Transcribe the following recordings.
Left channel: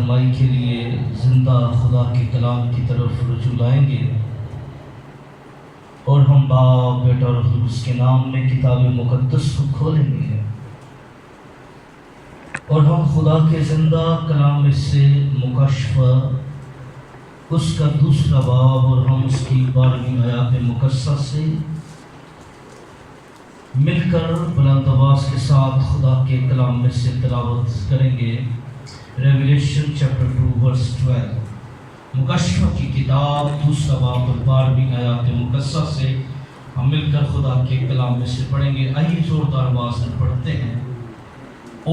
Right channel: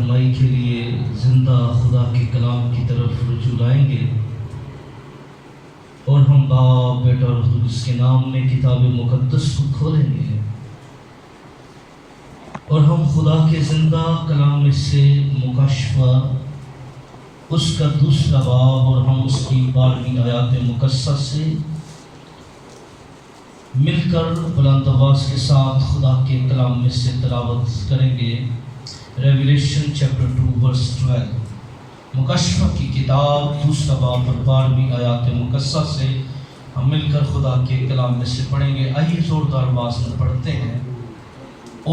فرمائی کے لیے زندہ خدا کے کلام کی طرف رجوع لائیں گے، اور ہم باپ بیٹا اور روح القدس کے نام میں کتاب مقدس کو کھولیں گے، اور ہم خدا کے زندہ کلام میں سے مکاشفہ اس کا دوسرا باب اور ہم اس کی 12ویں آیات مقدسہ سے مل کر بلند آواز کے ساتھ خدا کے کلام میں سے تلاوت کریں گے۔ ریویلیشن چیپٹر 2 ورس 12، مکاشفہ کی کتاب دوسرا باب اور 12ویں آیات مقدسہ سے ہم مل کر خدا کے کلام میں سے پڑھیں گے۔ آئیے زوردار آواز میں پڑھتے ہیں۔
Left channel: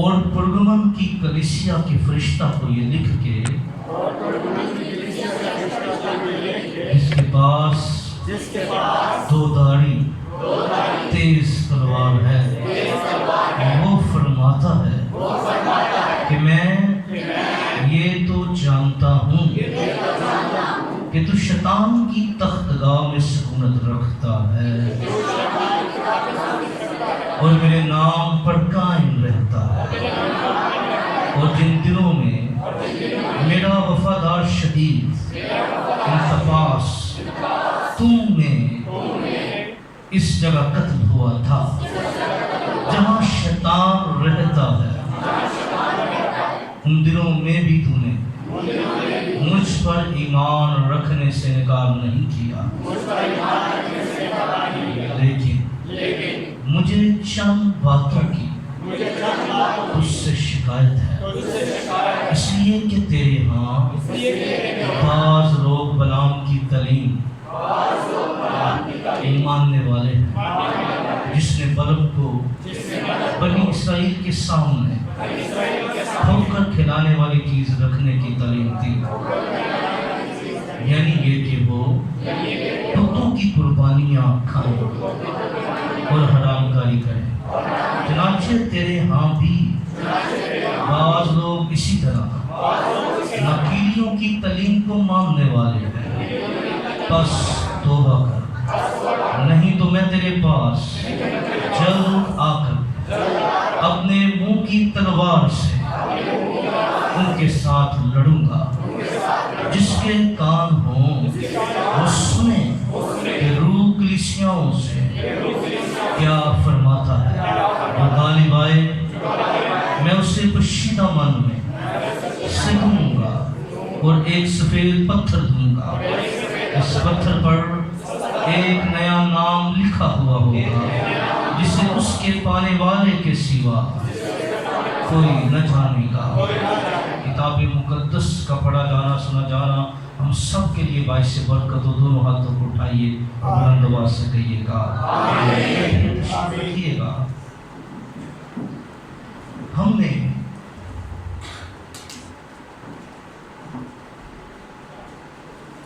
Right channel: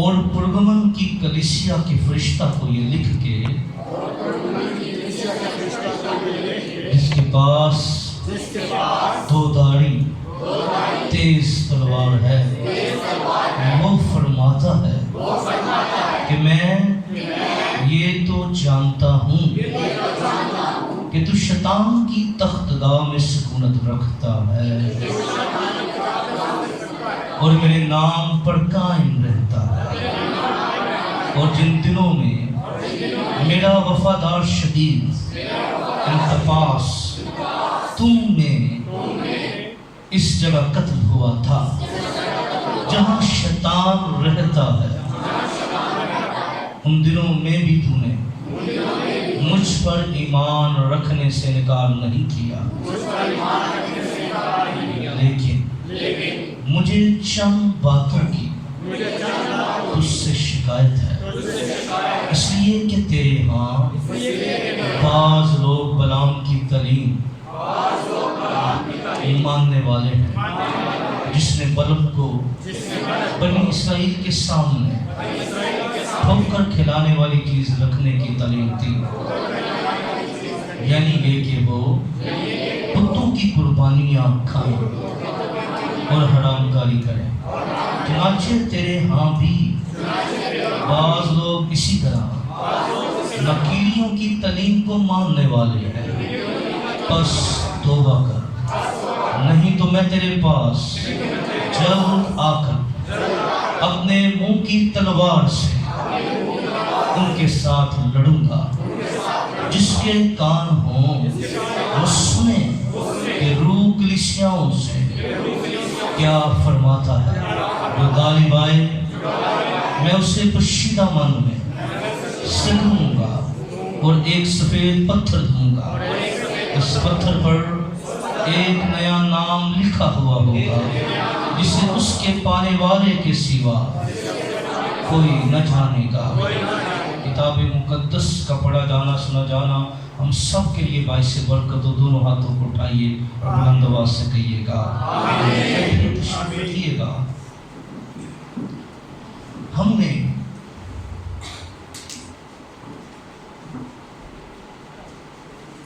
اور پرگمن کی کلیسیا کے فرشتہ کو یہ لکھ کے، جس کے پاس دو داڑھی تیز تلوار ہے، وہ فرماتا ہے کہ میں یہ تو جانتا ہوں کہ تو شیطان کی تختگاہ میں سکونت رکھتا ہے اور میرے نام پر قائم رہتا ہے، اور جن دنوں میں میرا وفادار شہید انتفاس تم میں اس جگہ قتل ہوا تھا جہاں شیطان رہتا ہے، ان دنوں میں بھی تو نے مجھ پر ایمان رکھنے سے انکار نہیں کیا، لیکن مجھے چند باتوں کی تجھ سے شکایت ہے، اس لیے کہ تیرے ہاں بعض لوگ بلعام کی تعلیم ماننے والے ہیں، جس نے بلعام کو بنی اسرائیل کے سامنے ٹھوکر کھلانے والی چیز رکھنے کی تعلیم دی، یعنی یہ کہ وہ بتوں کی قربانیاں کھائیں اور حرام کاری کریں۔ چنانچہ تیرے ہاں بھی بعض لوگ اسی طرح نکیلیوں کی تعلیم کو ماننے والے ہیں، بس توبہ کر، نہیں تو میں تیرے پاس جلد آ کر اپنے منہ کی تلوار سے ان کے ساتھ لڑوں گا۔ جس کے کان ہوں وہ سنیں کہ روح کلیسیاؤں سے کیا فرماتا ہے۔ وہ غالب آئے، میں اسے پوشیدہ من میں سکھوں گا اور ایک سفید پتھر دوں گا، اس پتھر پر ایک نیا نام لکھا ہوا ہوگا جسے اس کے پانے والے کے سوا کوئی نہ جانے گا۔ کتاب مقدس کا پڑھا جانا سنا جانا ہم سب کے لیے باعث برکت ہو۔ دونوں ہاتھوں کو اٹھائیے اور بلند آواز سے کہیے گا آمین۔ گا ہم نے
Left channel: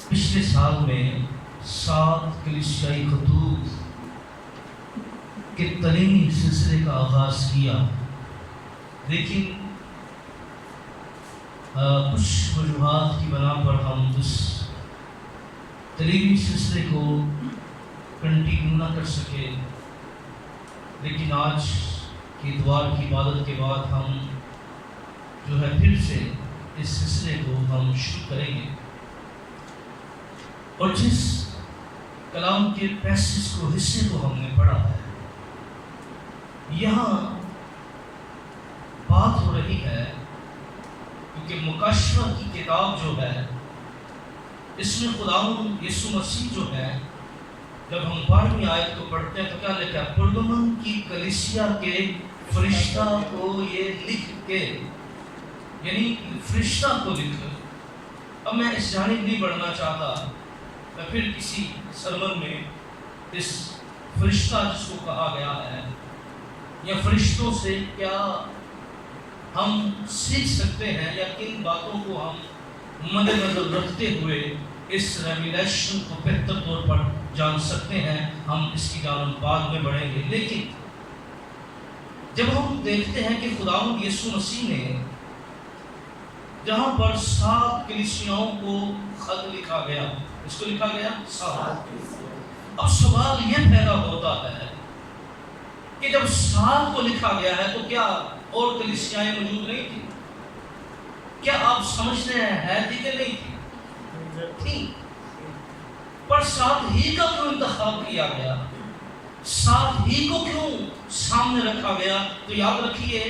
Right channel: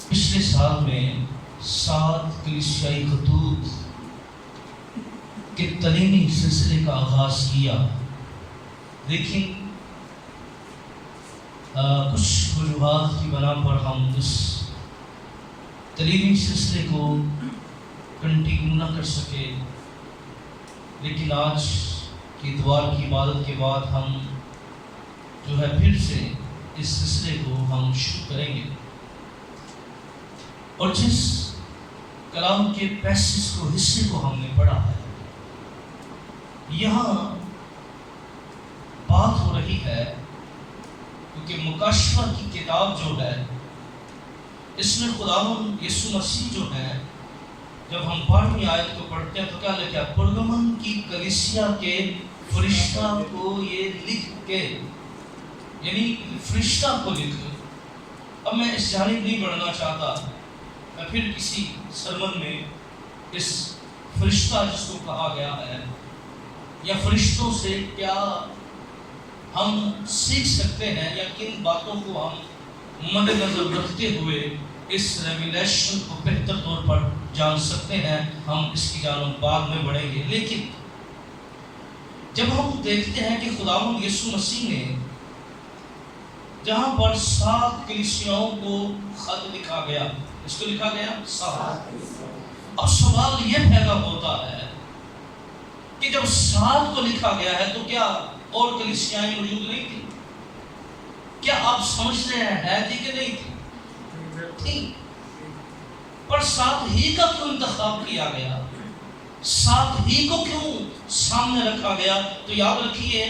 پچھلے سال میں 7 کلیسیائی خطوط کے تعلیمی سلسلے کا آغاز کیا، لیکن کچھ وجوہات کی بنا پر ہم اس تعلیمی سلسلے کو کنٹینیو نہ کر سکے، لیکن آج کی اتوار کی عبادت کے بعد ہم جو ہے پھر سے اس سلسلے کو ہم شروع کریں گے، اور جس کلام کے پیسز کو حصے کو ہم نے پڑھا ہے، یہاں بات ہو رہی ہے کیونکہ مکاشفہ کی کتاب جو ہے اس میں خداوند یسوع مسیح جو ہے، جب ہم 12ویں آیت کو پڑھتے ہیں تو کیا لکھا ہے؟ پرگمن کی کلیسیا کے فرشتہ کو یہ لکھ کے، یعنی فرشتہ کو لکھ۔ اب میں اس جانب نہیں بڑھنا چاہتا، میں پھر کسی سرمن میں اس فرشتہ جس کو کہا گیا ہے یا فرشتوں سے کیا ہم سیکھ سکتے ہیں یا کن باتوں کو ہم مد نظر رکھتے ہوئے اس ریویلیشن کو بہتر طور پر جان سکتے ہیں، ہم اس کی جانب بعد میں بڑھیں گے۔ لیکن جب ہم دیکھتے ہیں کہ خداوند یسوع مسیح نے جہاں پر 7 کلیسیاؤں کو خط لکھا گیا، اس کو لکھا گیا 7، اب سوال یہ پیدا ہوتا ہے کہ جب 7 کو لکھا گیا ہے تو کیا اور کلیسیائیں موجود نہیں تھیں؟ کیا آپ سمجھتے ہیں ہے تھی کہ نہیں تھی؟ پر ساتھ ہی کا کیوں انتخاب کیا گیا؟ ساتھ ہی کو کیوں سامنے رکھا گیا؟ تو یاد رکھیے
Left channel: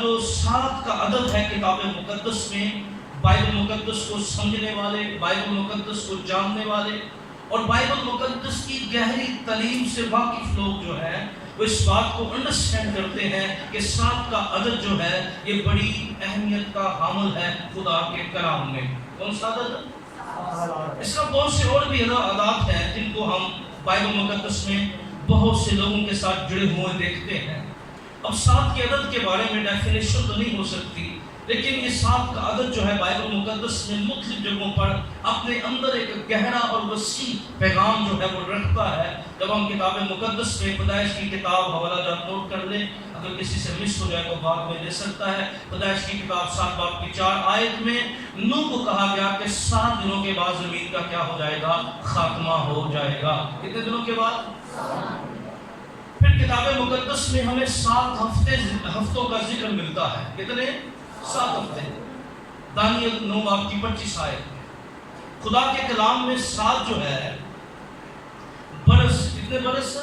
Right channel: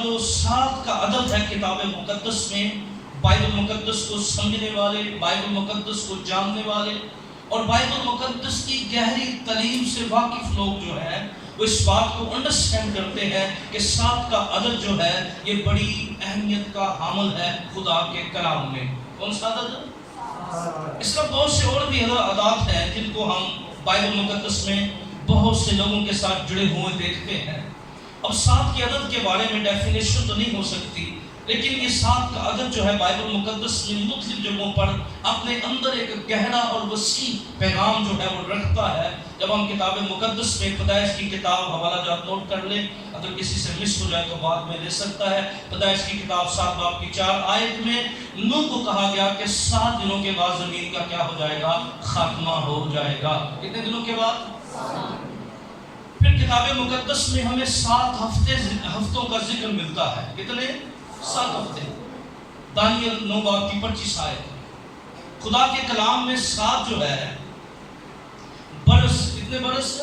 جو ساتھ کا عدد ہے کتاب مقدس میں، بائبل مقدس کو سمجھنے والے، بائبل مقدس کو جاننے والے اور بائبل مقدس کی گہری تعلیم سے واقف لوگ جو ہیں وہ اس بات کو انڈرسٹینڈ کرتے ہیں کہ ساتھ کا عدد جو ہے یہ بڑی اہمیت کا حامل ہے خدا کے کلام میں۔ کون سا عدد ہے؟ اس کا بہت سے اور بھی عدد ہیں جن کو ہم بائبل مقدس میں بہت سے لوگوں کے ساتھ جڑے ہوئے دیکھتے ہیں۔ اب سات کے عدد کے بارے میں ڈیفینیشن تو نہیں ہو سکتی، لیکن یہ سات کا عدد جو ہے بائبل مقدس میں مختلف جگہوں پر اپنے اندر ایک گہرا اور وسیع پیغام جو ہے وہ رکھتا ہے۔ جب ہم کتاب مقدس میں پیدائش کی کتاب حوالہ جات نوٹ کر لیں، اگر کسی سے مس ہو جائے تو بعد میں لے سکتا ہے۔ پیدائش کی کتاب 7 باب کی 4 آیت میں نوح کو کہا گیا کہ 7 دنوں کے بعد زمین کا کیا ہو جائے گا؟ خاتمہ ہو جائے گا۔ کتنے دنوں کے بعد؟ پھر کتاب مقدس میں ہمیں 7 ہفتوں کا ذکر ملتا ہے۔ کتنے؟ 7 ہفتے۔ دانیل 9 باب کی 25 آیت میں خدا کے کلام میں 7 جو ہے برس، کتنے برس؟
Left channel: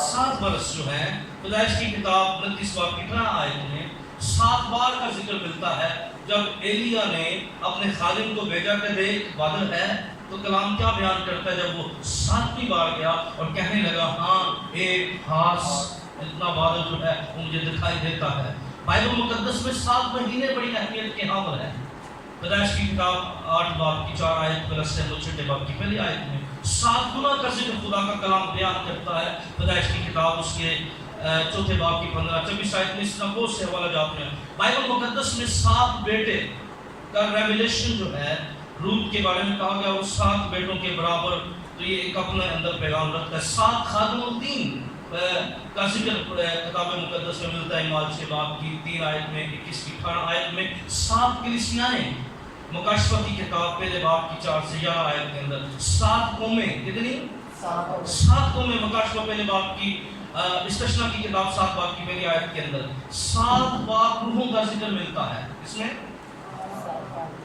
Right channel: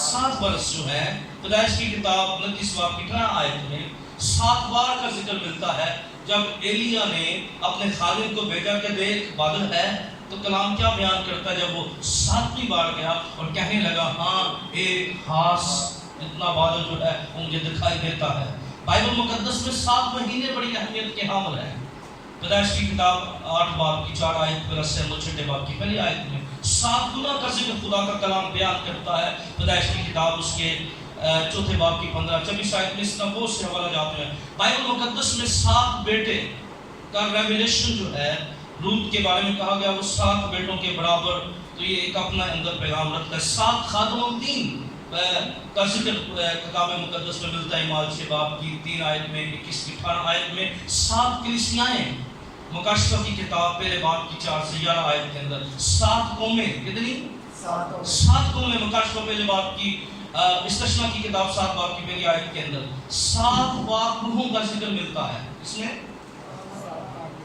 7 برس جو ہے پیدائش کی کتاب 29 باب کی 18 آیت میں 7 بار کا ذکر ملتا ہے۔ جب ایلیا نے اپنے خادم کو بھیجا کہ دیکھ بادل ہے، تو کلام کیا بیان کرتا ہے؟ جب وہ 7ویں بار گیا اور کہنے لگا ہاں ایک خاص اتنا بادل جو ہے وہ مجھے دکھائی دیتا ہے۔ بائبل مقدس میں 7 مہینے بڑی اہمیت کے حامل ہیں۔ پیدائش کی کتاب 8 باب کی 4 آیت پلس 6 باب کی پہلی آیت میں 7 گنا کا ذکر خدا کا کلام بیان کرتا ہے۔ پیدائش کی کتاب اس کے 4 باب کی 15-26 آیت میں اس کا بہت سے حوالہ جات ہیں۔ بائبل مقدس میں 7 بیٹے کا ریویلیشن جو ہے روت کے بارے میں کہا گیا وہ 7 بیٹوں کے برابر، تو یہ ایک اپنا اندر پیغام رکھتا ہے۔ 7 خادم الدین کا ذکر کتاب مقدس میں ملتا ہے۔ اعمال 6 باب کی 3 آیت میں، 21 کی 18 آیت میں 7 کلیسیائیں مکاشفہ کی کتاب پہلے باب کی 4 سے 11 آیت کے اندر 7 قومیں، کتنی؟ 7 قومیں مکاشفہ پہلے باب کی استثنا کی کتاب 7 باب کی پہلی آیت کے اندر 7 پاک روحوں کا ذکر ملتا ہے۔ اس میں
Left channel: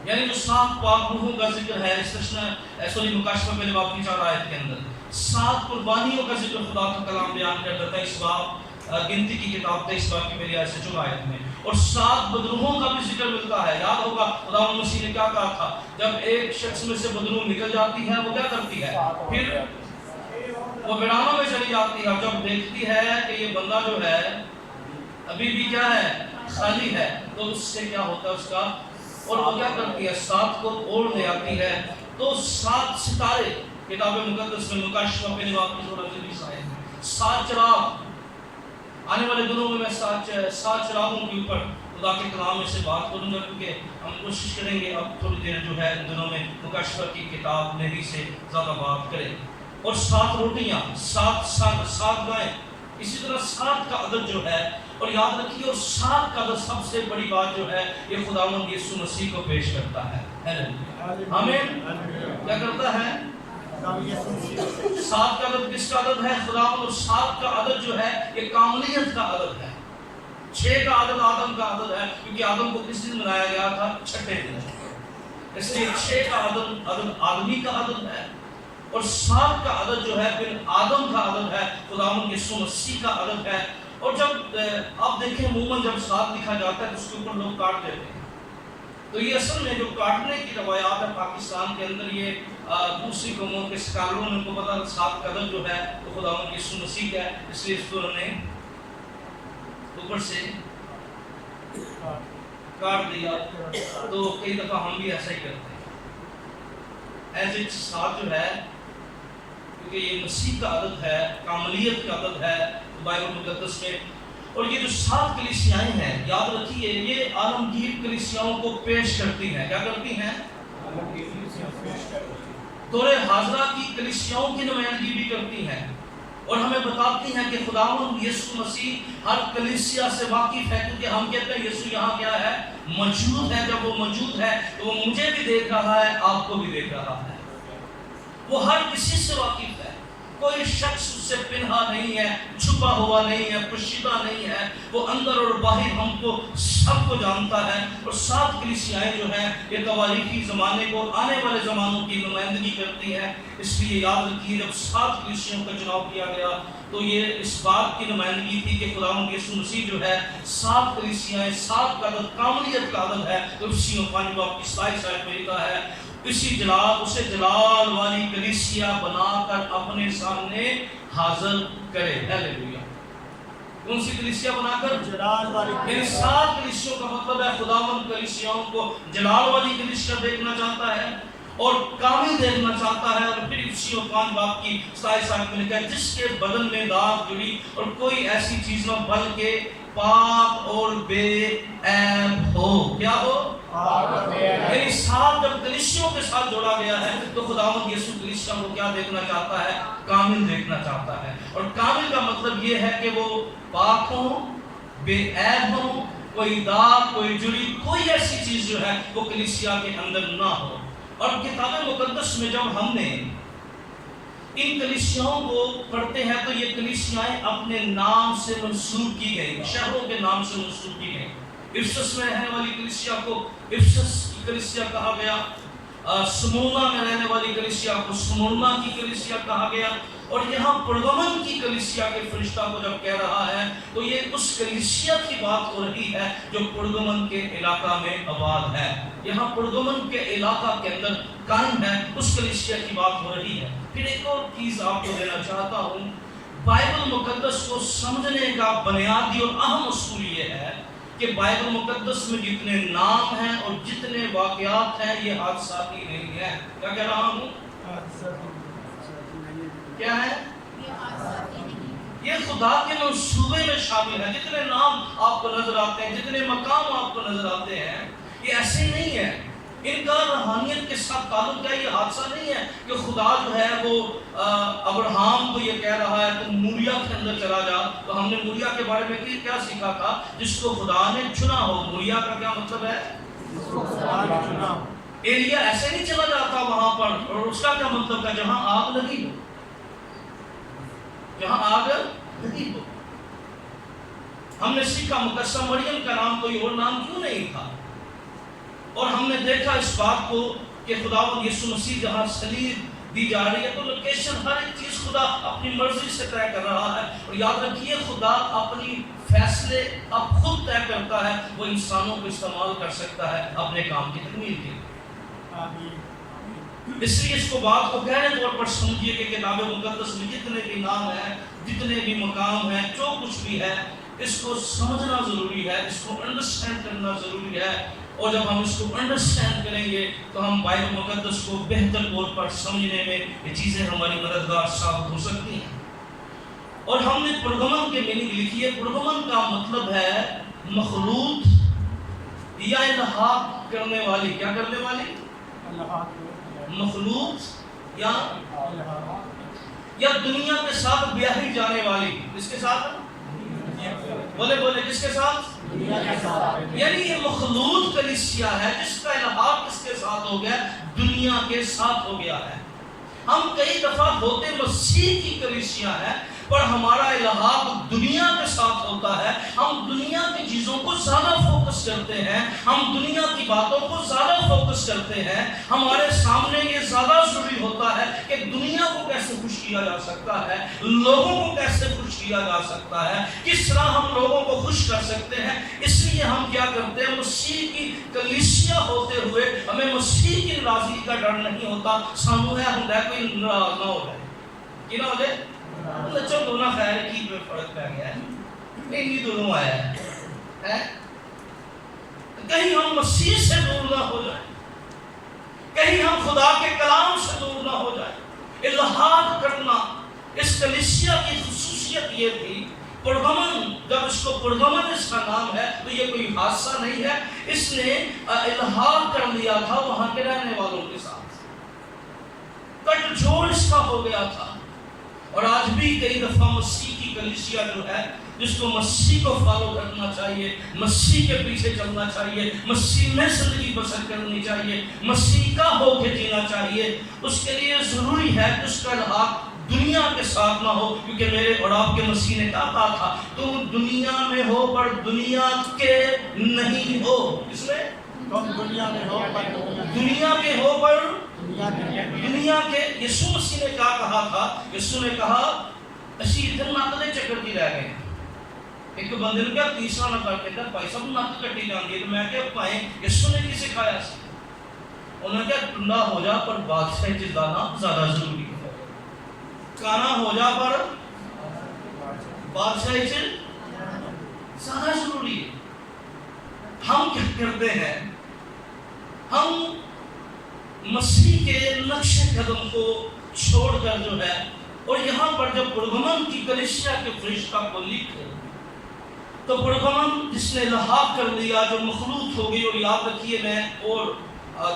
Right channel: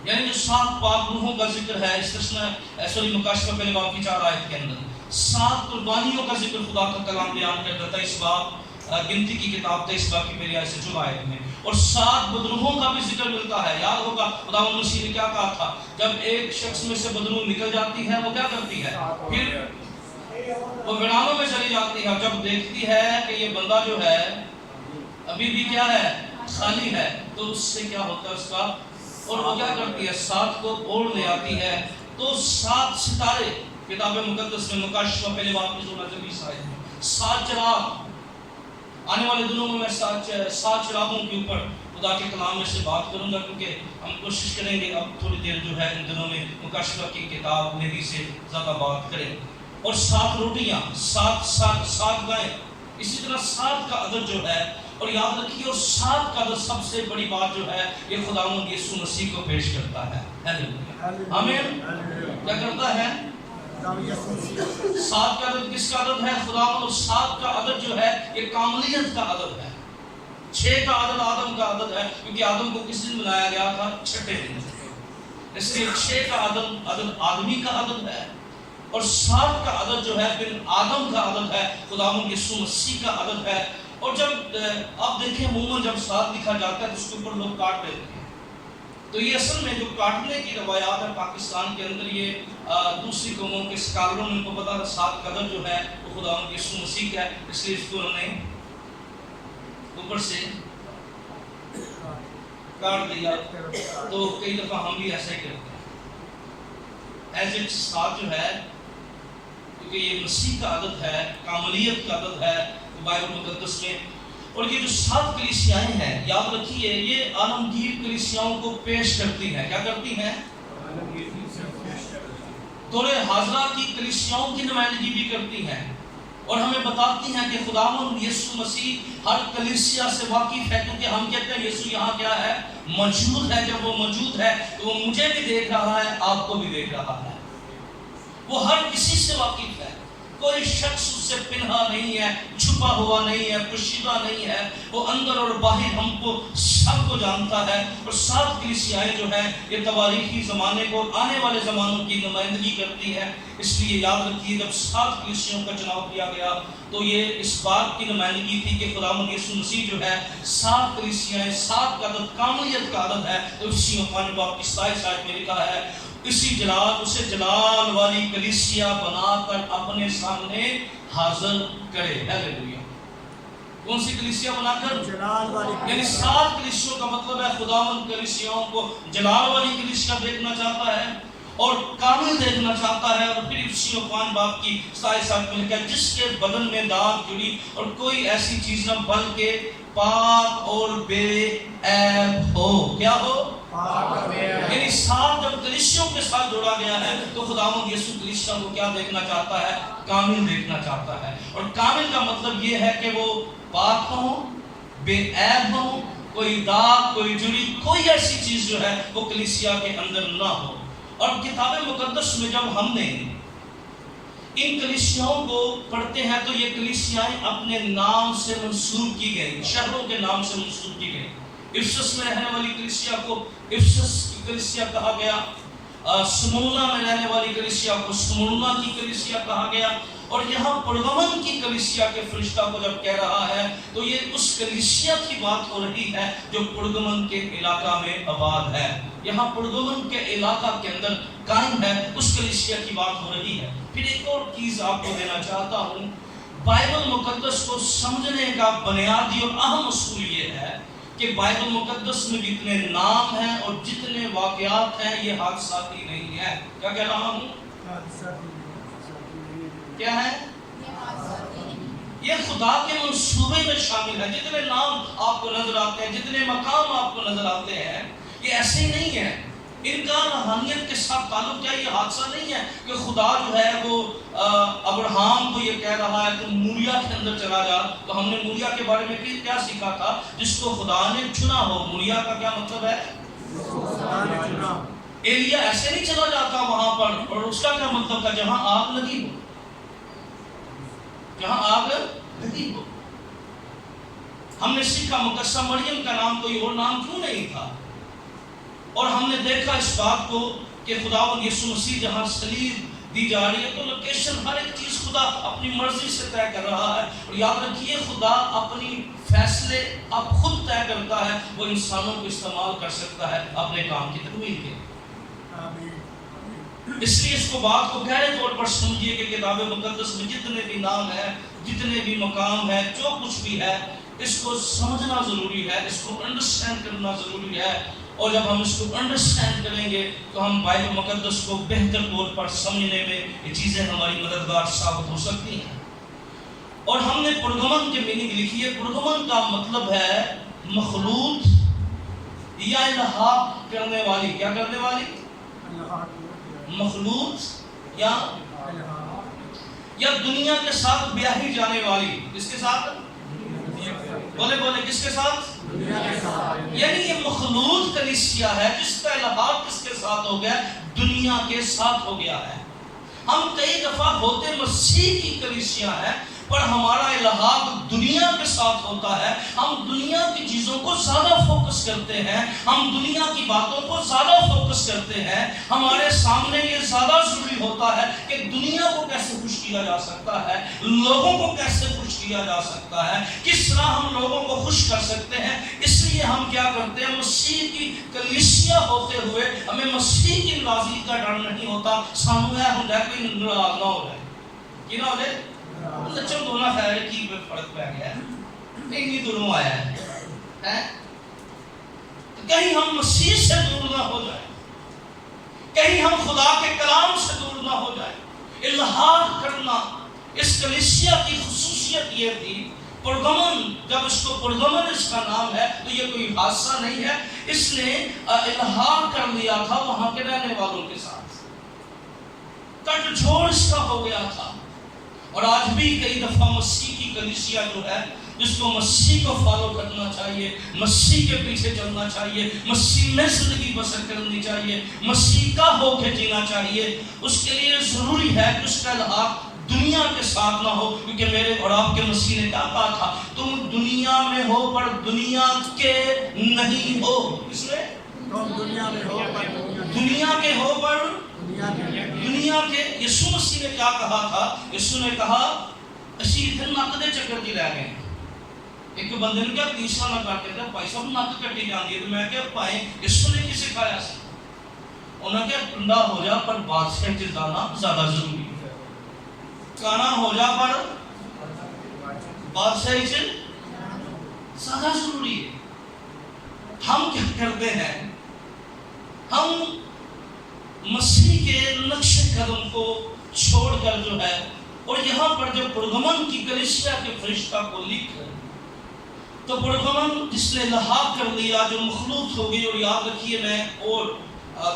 یعنی جو 7 پاک روحوں کا ذکر ہے استثنا مکاشفہ پہلے باب کی 4 آیت کے اندر 7 قربانیوں کا ذکر خدا کا کلام بیان کرتا ہے۔ 23 باب گنتی کی کتاب 23 باب کی پہلی آیت سے 14 آیت میں، اور 7 بدروحوں کا بھی ذکر ملتا ہے۔ یاد ہوگا خدا مسیح نے کیا کہا تھا؟ جب ایک شخص میں سے بدروح نکل جاتی ہے وہ کیا کرتی ہے؟ پھر وہ ویرانوں میں چلی جاتی ہے، اور جب دیکھتی ہے کہ یہ بندہ جو ہے ابھی بھی کیا ہے؟ خالی ہے، تو اس سے کیا ہوتا ہے اس کا؟ اور وہ کیا کرتی ہے؟ 7 کو اوڑھ لے آتی ہے۔ تو 7 ستارے کتاب مقدس میں مکاشفہ پہلے باب کی 16 سے 20 آیت میں 7 چراغ، آنے والے دنوں میں 7 چراغوں کے اوپر خدا کے کلام میں سے بات کروں گا، کیونکہ ہم کوشش کریں گے اب تھوڑی دیر جو ہے ان دنوں میں مکاشفہ کی کتاب میں ہی سے زیادہ بات کریں۔ اور 7 روٹیاں، 7 گائیں، اسی طرح 7 کا عدد جو ہے، اور یاد رکھیے اور 7 کا عدد سب سے بڑی بات جو ہے یہ خداوند یسوع مسیح کو پیش کرتا ہے۔ آمین۔ کیا کرتا ہے؟ 7 کا عدد کس کا عدد ہے؟ خداوند۔ اور 7 کا عدد جو ہے یہ کاملیت کا عدد ہے۔ 6 کا عدد آدم کا عدد ہے، کیونکہ آدم کو کس دن بنایا گیا تھا؟ چھٹے دن، اس لیے 6 کا عدد آدمی کا عدد ہے، اور 7 کا عدد جو ہے پھر آدم کا عدد ہے، خداوند یسوع مسیح کا عدد ہے۔ اور جب آپ دیکھیں عموماً جب 7 لکھا جاتا ہے تو اس کے اوپر لوگ کاٹ دیتے ہیں، تو یہ اصل میں جو کاٹنے کی روایات ہے پاکستان کے اندر، یہ دوسری قوموں کے سکالروں نے کو پتا 7 کا عدد جو ہے وہ خداوند یسوع مسیح کا ہے، اس لیے اس کو انہوں نے اوپر سے کاٹ دیا۔ تو کئی دفعہ ہم بھی ایسا ہی کرتے ہیں۔ ایز اٹ 7 جو ہے کیونکہ یہ مسیح کا عدد ہے، کاملیت کا عدد ہے بائبل مقدس میں۔ اور یہ جو 7 کلیسیائیں ہیں یاد رکھیے یہ عالمگیر کلیسیاؤں کو پیش کرتی ہیں۔ کیا کرتی ہیں؟ دور حاضرہ کی کلیسیاؤں کی نمائندگی بھی کرتی ہیں، اور ہمیں بتاتی ہیں کہ خداوند یسوع مسیح ہر کلیسیا سے واقف ہے، کیونکہ ہم کہتے ہیں یسوع یہاں کیا ہے؟ موجود ہے۔ جب وہ موجود ہے تو وہ مجھے بھی دیکھ رہا ہے، آپ کو بھی دیکھ رہا ہے، وہ ہر کسی سے واقف ہے۔ کوئی شخص اس سے پنہا نہیں ہے، چھپا ہوا نہیں ہے، پوشیدہ نہیں ہے، وہ اندر اور باہر ہم کو سب کو جانتا ہے۔ اور 7 کلیسیائیں جو ہیں یہ تواریخی زمانے کو، آنے والے زمانوں کی نمائندگی کرتی ہیں۔ اس لیے یاد رکھیے جب 7 کلیسیوں کا چناؤ کیا گیا تو یہ اس بات کی نمائندگی تھی کہ خداوند یسوع مسیح جو ہے 7 کلیسیائیں، 7 کا عدد کاملیت کا عدد ہے۔ تو اسی 5 باب کی 27 آیت میں لکھا ہے اسے جلال والی کلیسیا بنا کر اپنے سامنے حاضر کرے۔ ہیلیلویا۔ کون سی کلیسیا بنا کر؟ جلال والی۔ یعنی 7 کلیسیوں کا مطلب ہے خداوند کلیسیاؤں کو جلال والی کلیسیا دیکھنا چاہتا ہے اور کامل دیکھنا چاہتا ہے۔ اور پھر اسی 5 باب کی 27 آیت میں لکھا ہے جس کے بدن میں داغ جڑی اور کوئی ایسی چیز نہ بلکہ پاک اور بے عیب ہو۔ کیا ہو؟ یعنی 7 جب کلیسیوں کے ساتھ جوڑا گیا ہے تو خداوند یسوع کلیسیا کو کیا دیکھنا چاہتا ہے؟ کامل دیکھنا چاہتا ہے۔ اور کامل کا مطلب یہ ہے کہ وہ پاک ہوں، بے عیب ہوں، کوئی داغ، کوئی جڑی، کوئی ایسی چیز جو ہے وہ کلیسیا کے اندر نہ ہو۔ اور کتاب مقدس میں جب ہم نے ان کلیسیاؤں کو پڑھتے ہیں تو یہ کلیسیائیں اپنے نام سے منسوب کی گئی، شہروں کے نام سے منسوب کی گئی۔ افسس میں رہنے والی کلیسیا کو افسس کی کلیسیا کہا گیا، سمونا میں رہنے والی کلیسیا کو سمونا کی کلیسیا کہا گیا، اور یہاں پرگمن کی کلیسیا کے فرشتہ کو جب کہہ رہا ہے تو یہ اس کلیسیا کی بات ہو رہی ہے جو پرگمن کے علاقہ میں آباد ہے، یہاں پرگمن کے علاقہ کے اندر قائم ہے، اس کلیسیا کی بات ہو رہی ہے۔ پھر ایک اور چیز آپ کو دینا چاہتا ہوں، بائبل مقدس کو سمجھنے کا بنیادی اور اہم اصول یہ ہے کہ بائبل مقدس میں جتنے نام ہیں اور جتنے واقعات ہیں یہ حادثاتی نہیں ہے۔ کیا کہہ رہا ہوں؟ کیا ہے؟ یہ خدا کے منصوبے میں شامل ہے۔ جتنے نام آپ کو نظر آتے ہیں، جتنے مقام آپ کو نظر آتے ہیں، یہ ایسے ہی نہیں ہے۔ ان کا روحانیت کے ساتھ تعلق کیا؟ یہ حادثہ نہیں ہے کہ خدا جو ہے وہ ابراہیم کو یہ کہہ رہا ہے تم موریا کے اندر چلا جا۔ تو ہم نے موریا کے بارے میں کیا سیکھا تھا؟ جس کو خدا نے چنا ہو۔ موریا کا کیا مطلب ہے؟ ایلیا ایسے نہیں چلا جاتا وہاں پر، اور اس کا کیا مطلب ہے؟ جہاں آگ لگی ہو، جہاں آگ لگی ہو۔ ہم نے سیکھا مقدسہ مریم کا نام کوئی اور نام کیوں نہیں تھا، اور ہم نے دیکھا اس بات کو کہ خداوند یسوع مسیح جہاں صلیب دی جا رہی ہے تو لوکیشن ہر ایک چیز خدا اپنی مرضی سے طے کر رہا ہے۔ اور یاد رکھیے خدا اپنی فیصلے اب خود طے کرتا ہے، وہ انسانوں کو استعمال کر سکتا ہے اپنے کام کی تکمیل کے۔ اس لیے اس کو بات کو گہرے طور پر سمجھیے کہ کتاب مقدس میں جتنے بھی نام ہیں، جتنے بھی مقام ہیں، جو کچھ بھی ہے، اس کو سمجھنا ضروری ہے، اس کو انڈرسٹینڈ کرنا ضروری ہے۔ اور جب ہم اس کو انڈرسٹینڈ کریں گے تو ہم بائبل مقدس کو بہتر طور پر سمجھنے میں یہ چیزیں ہماری مددگار ثابت ہو سکتی ہیں۔ اور ہم نے پرگمن کے میننگ لکھی ہے۔ پرگمن کا مطلب ہے مخلوط یا الحاق کرنے والی۔ کیا کرنے والی؟ مخلوط یا دنیا کے ساتھ بیاہی جانے والی۔ کس کے ساتھ؟ بولے کس کے ساتھ؟ یعنی یہ مخلوط کلیسیا ہے جس کا الحاق کس کے ساتھ ہو گیا؟ دنیا کے ساتھ ہو گیا ہے۔ ہم کئی دفعہ ہوتے مسیح کی کلیسیا ہے پر ہمارا الحاق دنیا کے ساتھ ہوتا ہے۔ ہم دنیا کی چیزوں کو زیادہ فوکس کرتے ہیں، ہم دنیا کی باتوں کو زیادہ فوکس کرتے ہیں۔ ہمارے سامنے یہ زیادہ ضروری ہوتا ہے کہ دنیا کو کیسے خوش کیا جا سکتا ہے، لوگوں کو کیسے خوش کیا جا سکتا ہے، کس طرح ہم لوگوں کو خوش کر سکتے ہیں۔ اس لیے ہم کیا کرتے ہیں؟ مسیح کی کلیسیا ہوتے ہوئے ہمیں مسیح کی ناراضگی کا ڈر نہیں ہوتا۔ سامنے ہم کوئی ناراض نہ ہو جائے، کی نہ ہو جائے لچوں دونوں خیر کی میں فرق پہ گیا ہے، اتنی دونوں آیا ہے۔ کہیں ہم مسیح سے دور نہ ہو جائیں، کہیں ہم خدا کے کلام سے دور نہ ہو جائیں۔ الحاق کرنا اس کلیسیا کی خصوصیت یہ تھی۔ پرگمن، جب اس کو پرگمن اس کا نام ہے تو یہ کوئی حادثہ نہیں ہے، اس نے الحاق کر لیا تھا وہاں کے رہنے والوں کے ساتھ، کٹ جوڑ اس کا ہو گیا تھا۔ اور آج بھی کئی دفعہ مسیح کی کلیسیا جو ہے جس کو مسیح کو فالو کرنا چاہیے، مسیح کے پیچھے چلنا چاہیے، مسیح میں زندگی بسر کرنی چاہیے، مسیح کا ہو کے جینا چاہیے، اس کے لیے ضروری ہے کہ اس کا الحاق دنیا کے ساتھ نہ ہو، کیونکہ میرے اور آپ کے مسیح نے کیا کہا تھا، تم دنیا میں ہو پر دنیا کے نہیں ہو۔ اس میں تم دنیا میں ہو پر دنیا کے ہو پر دنیا کے یسوع مسیح نے کیا کہا تھا؟ یسوع نے کہا اسی ادھر نک دے چکر دی رہ گئے۔ ایک بندے نے کیا تیسرا نہ کر کے کہا بھائی صاحب نک کٹی جاندی ہے، تو میں کیا پائیں یسوع نے کی سکھایا سی؟ انہوں نے کیا ٹنڈا ہو جا پر بادشاہ چ جانا زیادہ ضروری ہے، کانا ہو جا پر بادشاہ چ زیادہ ضروری ہے۔ ہم کیا کرتے ہیں؟ ہم مسیح کے نقش قدم کو چھوڑ کر جو ہے، اور یہاں پر جب پرگمن کی کلیسیا کے فرشتہ کو لکھ تو پرگمن جس نے الحاق کر دیا جو مخلوط ہو گئی، اور یاد رکھیے میں اور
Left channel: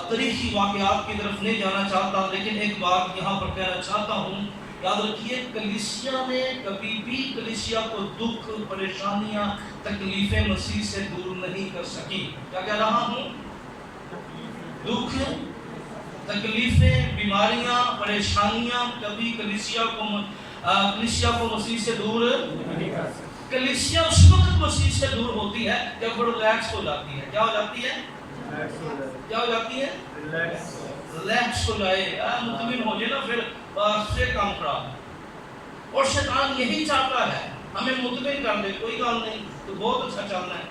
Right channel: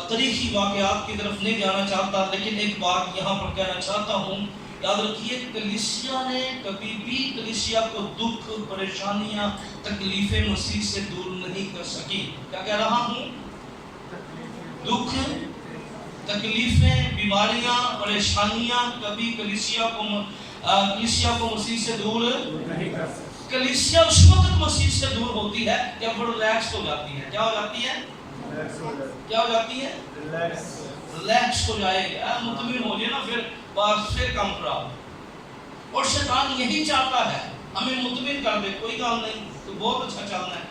تاریخی واقعات کی طرف نہیں جانا چاہتا، لیکن ایک بات یہاں پر کہنا چاہتا ہوں، یاد رکھیے کلیسیا نے کبھی بھی کلیسیا کو دکھ، پریشانیاں، تکلیفیں مسیح سے دور نہیں کر سکی۔ کیا کہہ رہا ہوں؟ دکھ، تکلیفیں، بیماریاں، پریشانیاں کبھی کلیسیا کو مسیح سے دور نہیں کر سکتے۔ کلیسیا اس وقت مسیح سے دور ہوتی ہے جب وہ ریلیکس ہو جاتی ہے۔ کیا ہو جاتی ہے؟ کیا ہو جاتی ہے؟ ریلیکس ہو جائے، مطمئن ہو جائے نا، پھر کام خراب۔ اور شیطان یہی چاہتا ہے ہمیں مطمئن کر دے، کوئی کام نہیں، تو بہت اچھا چلنا ہے،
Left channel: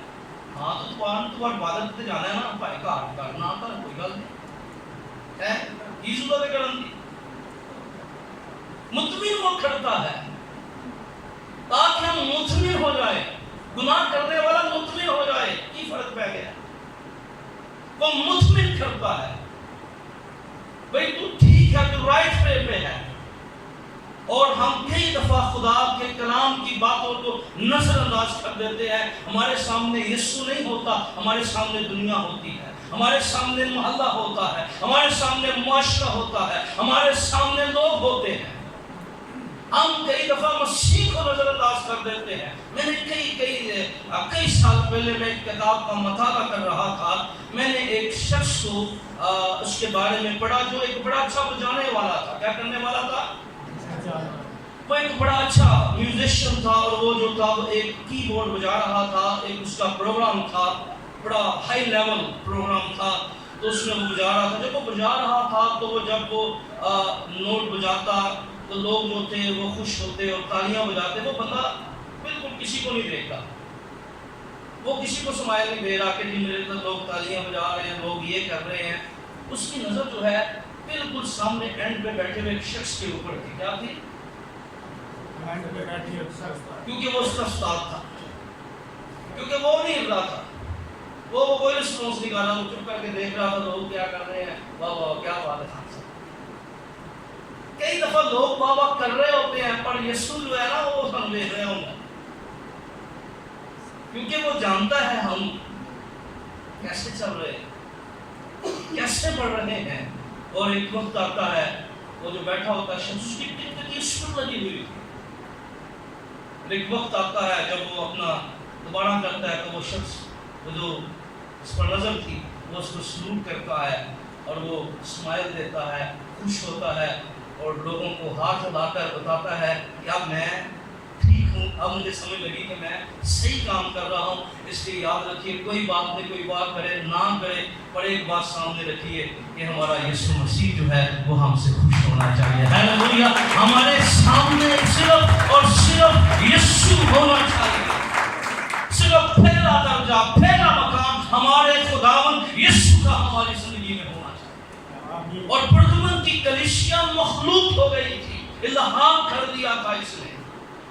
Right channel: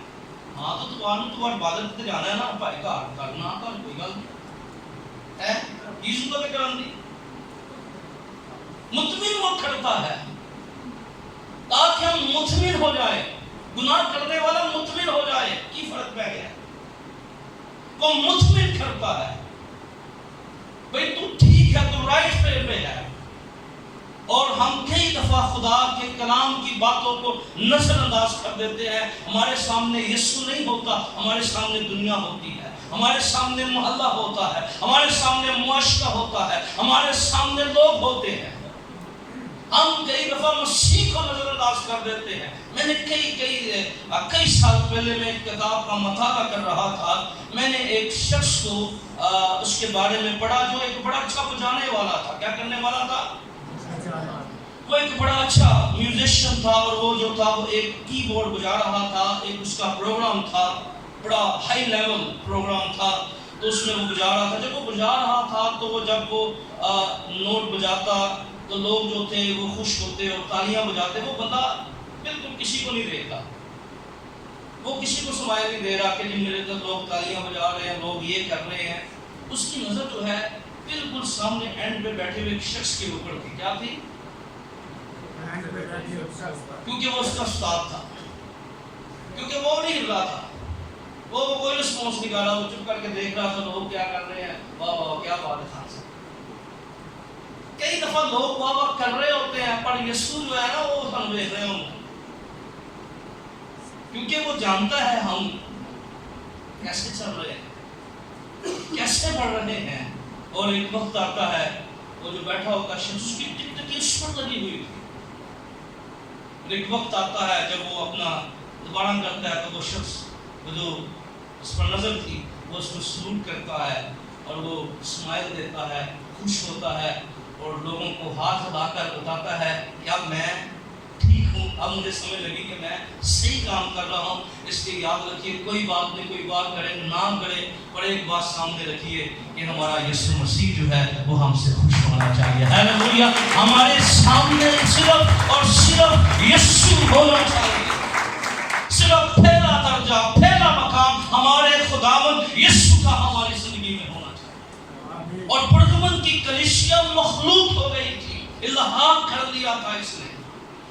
ہاں تو عبادت تے جانا ہے نا بھائی، گھر کرنا کر کوئی گل نہیں ہے، یہ ضرورت کرن دی۔ مطمئن وہ کرتا ہے تاکہ ہم مطمئن ہو جائے، گناہ کرنے والا مطمئن ہو جائے۔ کی فرق پہ گیا؟ وہ مطمئن کرتا ہے بھئی تو ٹھیک ہے، تو رائٹ پہ ہے۔ اور ہم کئی دفعہ خدا کے کلام کی باتوں کو نظر انداز کر دیتے ہیں۔ ہمارے سامنے یسوع نہیں ہوتا، ہمارے سامنے دنیا ہوتی ہے، ہمارے سامنے محلہ ہوتا ہے، ہمارے سامنے معاشرہ ہوتا ہے، ہمارے سامنے لوگ ہوتے ہیں۔ ہم کئی دفعہ مسیح کو نظر انداز کر دیتے ہیں۔ میں نے کئی سال پہلے میں ایک کتاب کا مطالعہ کر رہا تھا، میں نے ایک شخص کو اس کے بارے میں پڑھا جو ایک بڑا اچھا بجانے والا تھا۔ کیا کرنے والا تھا؟ وہ ایک بڑا اچھا میوزیشین تھا، اور وہ جو تھا وہ ایک کی بورڈ بجا رہا تھا، ایک اس کا پروگرام تھا، بڑا ہائی لیول پروگرام تھا، تو اس میں وہ بجا رہا تھا۔ جب وہ بجا رہا تھا تو وہ جب وہ نوٹ بجاتا تو لوگ جو تھے وہ خوش ہوتے اور تالیاں بجاتے۔ وہ بندہ بالکل کسی کو نہیں دیکھتا، وہ کسی کو سمائل نہیں دے رہا کہ جی میرے طرف لوگ تالیاں بجا رہے ہیں، لوگ یہ کر رہے ہیں۔ اس کی نظر جو ہے بالکل سامنے اینڈ پہ بیٹھے ہوئے ایک شخص کے اوپر تھی۔ کیا تھی؟ کیونکہ وہ اس کا استاد تھا، کیونکہ وہ نہیں ہل رہا تھا، وہ کوئی رسپانس نہیں کر رہا، وہ چپ کر کے دیکھ رہا تھا لوگ کیا کر رہے ہیں، واہ واہ کیا بات ہے۔ کئی دفعہ لوگ واہ واہ کر رہے ہوتے ہیں پر یسوع جو ہے نا وہ ہم دیکھ رہے ہوں گے، کیونکہ وہ جانتا ہے ہم کیسے چل رہے ہیں، کیسے بڑھ رہے ہیں۔ اور ایک وقت آتا ہے وہ جو بیٹھا ہوتا ہے شخص، اس کی ٹک اس پر لگی ہوئی تھی۔ ایک وقت آتا ہے جب وہ اپنا دوبارہ کرتا ہے تو وہ شخص جو اس پر نظر تھی وہ اس کو سلوٹ کرتا ہے اور وہ اسمائل دیتا ہے، خوش ہوتا ہے، اور لوگوں کو ہاتھ ہلا کر بتاتا ہے کہ اب میں ٹھیک ہوں، اب مجھے سمجھ لگی کہ میں صحیح کام کر رہا ہوں۔ اس لیے یاد رکھیے کوئی بات نہیں، کوئی بات کرے نہ کرے، پر ایک بات سامنے رکھیے کہ ہمارا یسوع مسیح جو ہے وہ ہم سے خوش ہونا چاہیے۔ ہاللویا! ہمارے سامنے صرف اور صرف یسوع ہونا چاہیے، صرف پہلا درجہ، پہلا مقام ہمارے خداوند یسوع کا ہماری زندگی میں ہونا چاہیے۔ اور پرگمن کی کلیسیا مخلوط ہو گئی تھی، الحاق کر دیا تھا اس نے،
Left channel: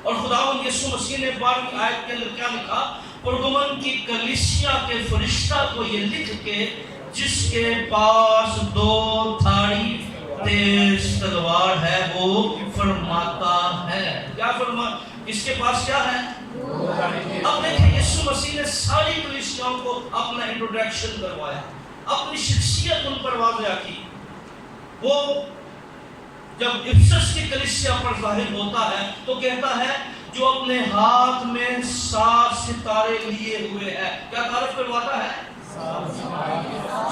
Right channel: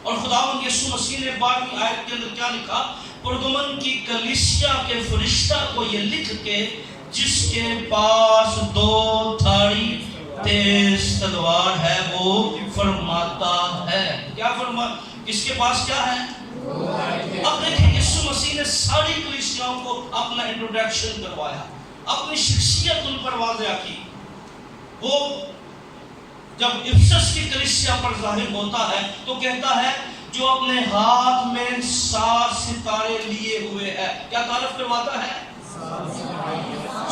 اور خداوند یسوع مسیح نے 12ویں آیت کے اندر کیا لکھا؟ پرگمن کی کلیسیا کے فرشتہ کو یہ لکھ کے جس کے پاس 2 دھاری تیز تلوار ہے وہ فرماتا ہے۔ کیا کس کے پاس کیا ہے؟ اب دیکھیں یسوع مسیح نے ساری کلیسیاؤں کو اپنا انٹروڈکشن کروایا، اپنی شخصیت ان پر واضح کی۔ وہ جب افسس کی کلیسیا پر ظاہر ہوتا ہے تو کہتا ہے جو اپنے ہاتھ میں 7 ستارے لیے ہوئے ہے۔ کیا تعارف کرواتا ہے؟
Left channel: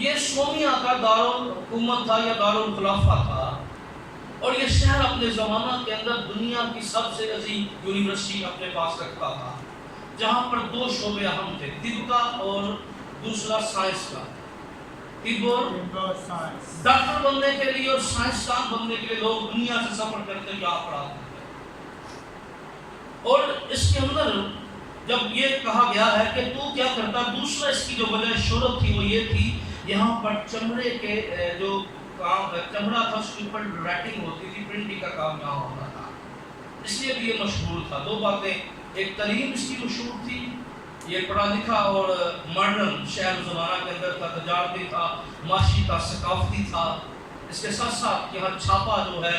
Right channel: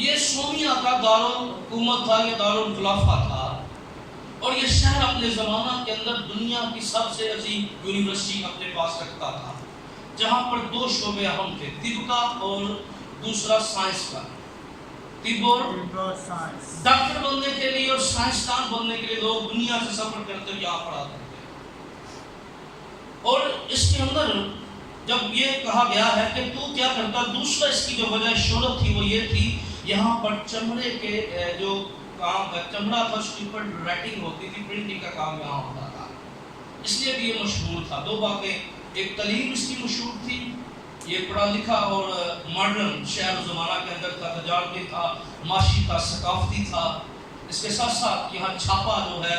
یہ سومیا کا دارالحکومت تھا یا دارالخلافہ تھا، اور یہ شہر اپنے زمانہ کے اندر دنیا کی سب سے عظیم یونیورسٹی اپنے پاس رکھتا تھا، جہاں پر دو شعبے اہم تھے، طب کا اور دوسرا سائنس کا۔ طب اور سائنس، ڈاکٹر بننے کے لیے اور سائنسدان بننے کے لیے لوگ دنیا سے سفر کرتے ہوئے یہاں پڑھاتے تھے۔ اور اس کے اندر جب یہ کہا گیا ہے کہ تو کیا کرتا، دوسرا اس کی جو وجہ شہرت تھی وہ یہ تھی، یہاں پر چمڑے کے جو کام چمڑا تھا اس کے اوپر رائٹنگ ہوتی تھی، پرنٹنگ کا کام یہاں ہوتا تھا، اس لیے بھی یہ مشہور تھا۔ دو باتیں، ایک تعلیم اس کی مشہور تھی، یہ پڑھا لکھا اور ماڈرن شہر و زمانہ کے اندر تھا، تجارتی تھا، معاشی تھا، ثقافتی تھا۔ اس کے ساتھ ساتھ یہاں چھاپا جو ہے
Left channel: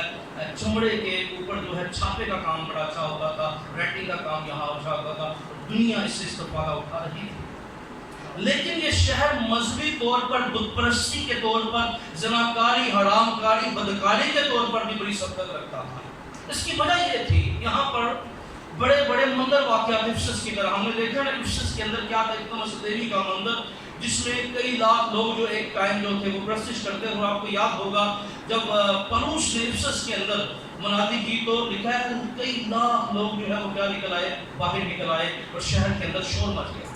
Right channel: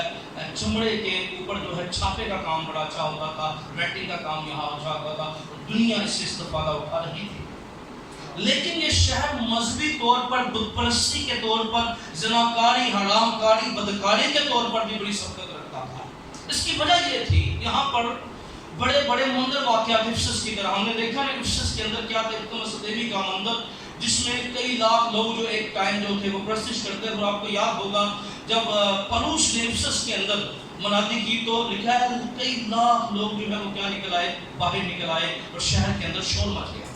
چمڑے کے اوپر جو ہے چھاپے کا کام بڑا اچھا ہوتا تھا، رائٹنگ کا کام یہاں اچھا ہوتا تھا، دنیا اس سے استفادہ اٹھا رہی تھی۔ لیکن یہ شہر مذہبی طور پر، بت پرستی کے طور پر، زناکاری، حرام کاری، بدکاری کے طور پر بھی بڑی سبقت رکھتا تھا۔ اس کی وجہ یہ تھی یہاں پر بڑے بڑے مندر واقعات افسس کی طرح ہم نے دیکھا نا، افسس کے اندر کیا تھا، ارتمس دیوی کا مندر جس میں کئی لاکھ لوگ جو ایک ٹائم جو تھے وہ پرستش کرتے تھے۔ اور آپ کو یاد ہوگا جب پروس نے افسس کے اندر منادی کی تو لکھا ہے کئی لاکھ لوگ جو ہے وہ کیا نکل آئے، باہر نکل آئے، اور شہر کے اندر شور مچ گیا۔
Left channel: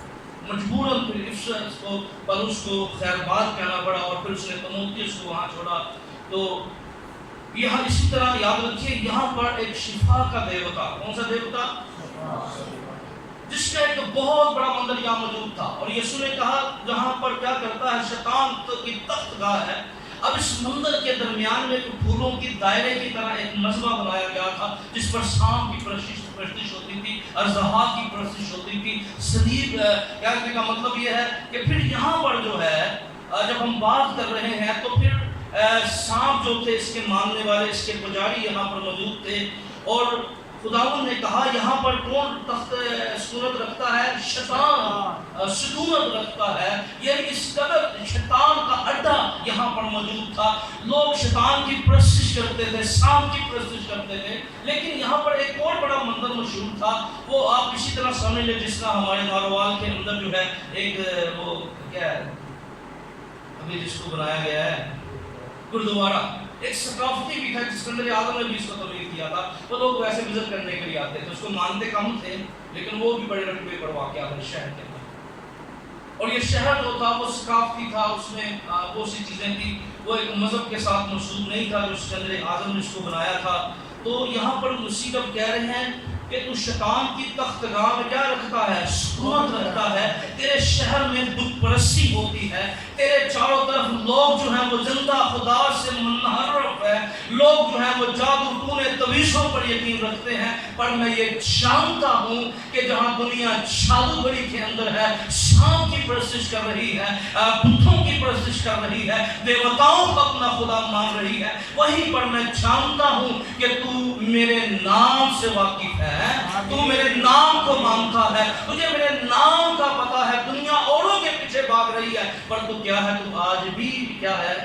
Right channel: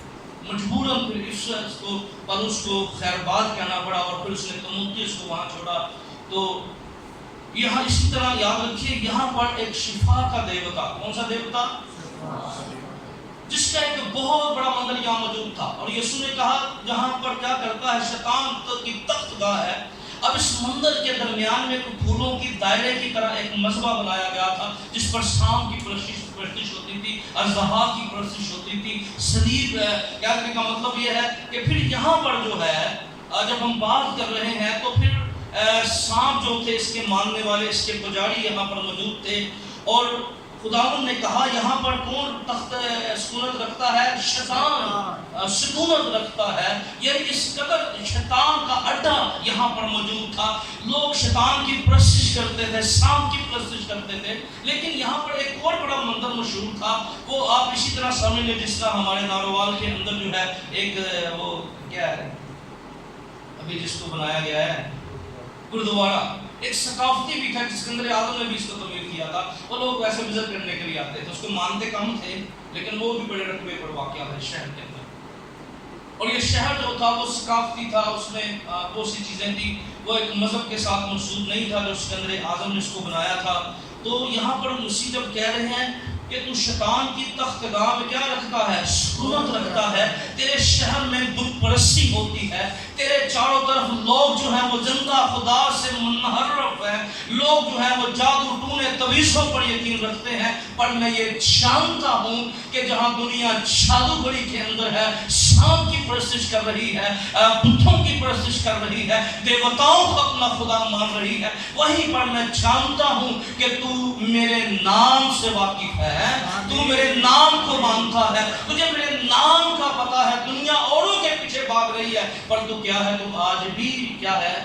مجبوراً پھر افسس کو، پروس کو خیر بات کہنا پڑا، اور پھر اس نے تموتیس کو وہاں چھوڑا۔ تو یہاں اسی طرح یاد رکھیے یہاں پر ایک شفا کا دیوتا، کون سا دیوتا، جس کا ایک بہت بڑا مندر یہاں موجود تھا۔ اور یسوع نے کہا جہاں پر کیا کرتا ہے شیطان کی تخت گاہ ہے، اب اس مندر کے درمیان میں پھولوں کی دائرے کی طرح ایک مذبح بنایا گیا تھا، جس پر شام کی پرستش ہوتی تھی، اژدہا کی پرستش ہوتی تھی، صلیب کہنے کا مطلب یہ ہے کہ پھر یہاں پر جو ہے جب ہم بات کر رہے ہیں تو پھر سانپ جو تھے اس کے ماننے والے، اس کے پجاری یہاں پر موجود تھے۔ اور خداوند نے کہا یہاں پر کون تخت سکونت رکھتا ہے، شیطان سکونت رکھتا ہے، یعنی اس قدر شیطان کا اڈا یہاں پر موجود تھا۔ لوگ شیطان کی پرستش کرتے تھے، سانپ کی پرستش کرتے تھے۔ لیکن یہاں پر ایک اور بڑا مندر مشہور تھا، وہ آپ اسی طرح سمجھ لیں جس طرح ہمارے ناروال کے اندر جو ہے ایک وہ کیا ہے ابھی جس کو بنایا گیا ہے گردوارہ، ایک ثقافتی بھی تھا جس کے اندر اعظم نے بھی اس کو تعمیر کیا تھا۔ وہ لوگ ایسے وزٹ کرنے کے لیے آتے تھے، اس کو مانتے کم تھے لیکن وہ بھی بڑے رقبے پر واقع ہے شہر کے اندر۔ اور یہ شہر جو تھا وہ ثقافتی تھا، اس میں بہت سی چیزیں تھیں، وہ ایک مذہب کے ساتھ مربوط نہیں تھا جو اس کے اندر اعظم نے اس کو بنایا تھا۔ تو یہاں پر مسیح جب کہہ رہے ہیں کہ تو شیطان کی تخت گاہ میں کیا رکھتا ہے، سکونت رکھتا ہے، تیرے شہر میں بت پرستی ہوتی ہے، تیرے چاروں طرف لوگ جو ہیں وہ زندہ خدا سے منحرف ہے، لوگ جو ہیں وہ جادو ٹونے تویزوں پر یقین رکھتے ہیں، پر میں یہ جانتا ہوں کہ جہاں دنیا جادوگری کے اندر ہے، سانپ کی پرستش کر رہی ہے، بتوں کی پرستش کر رہی ہے، دیوتاؤں کو اپنا خدا مان رہی ہے، وہیں پر میں جانتا ہوں کہ تو میرے نام سے واقف ہے، تو میرے نام کو مانتا ہے، مجھے میرے نام کا پتہ ہے، دنیا اوروں کے پیچھے بھاگ رہی ہے، پر تو کیا ہے، تو آج بھی کیا ہے،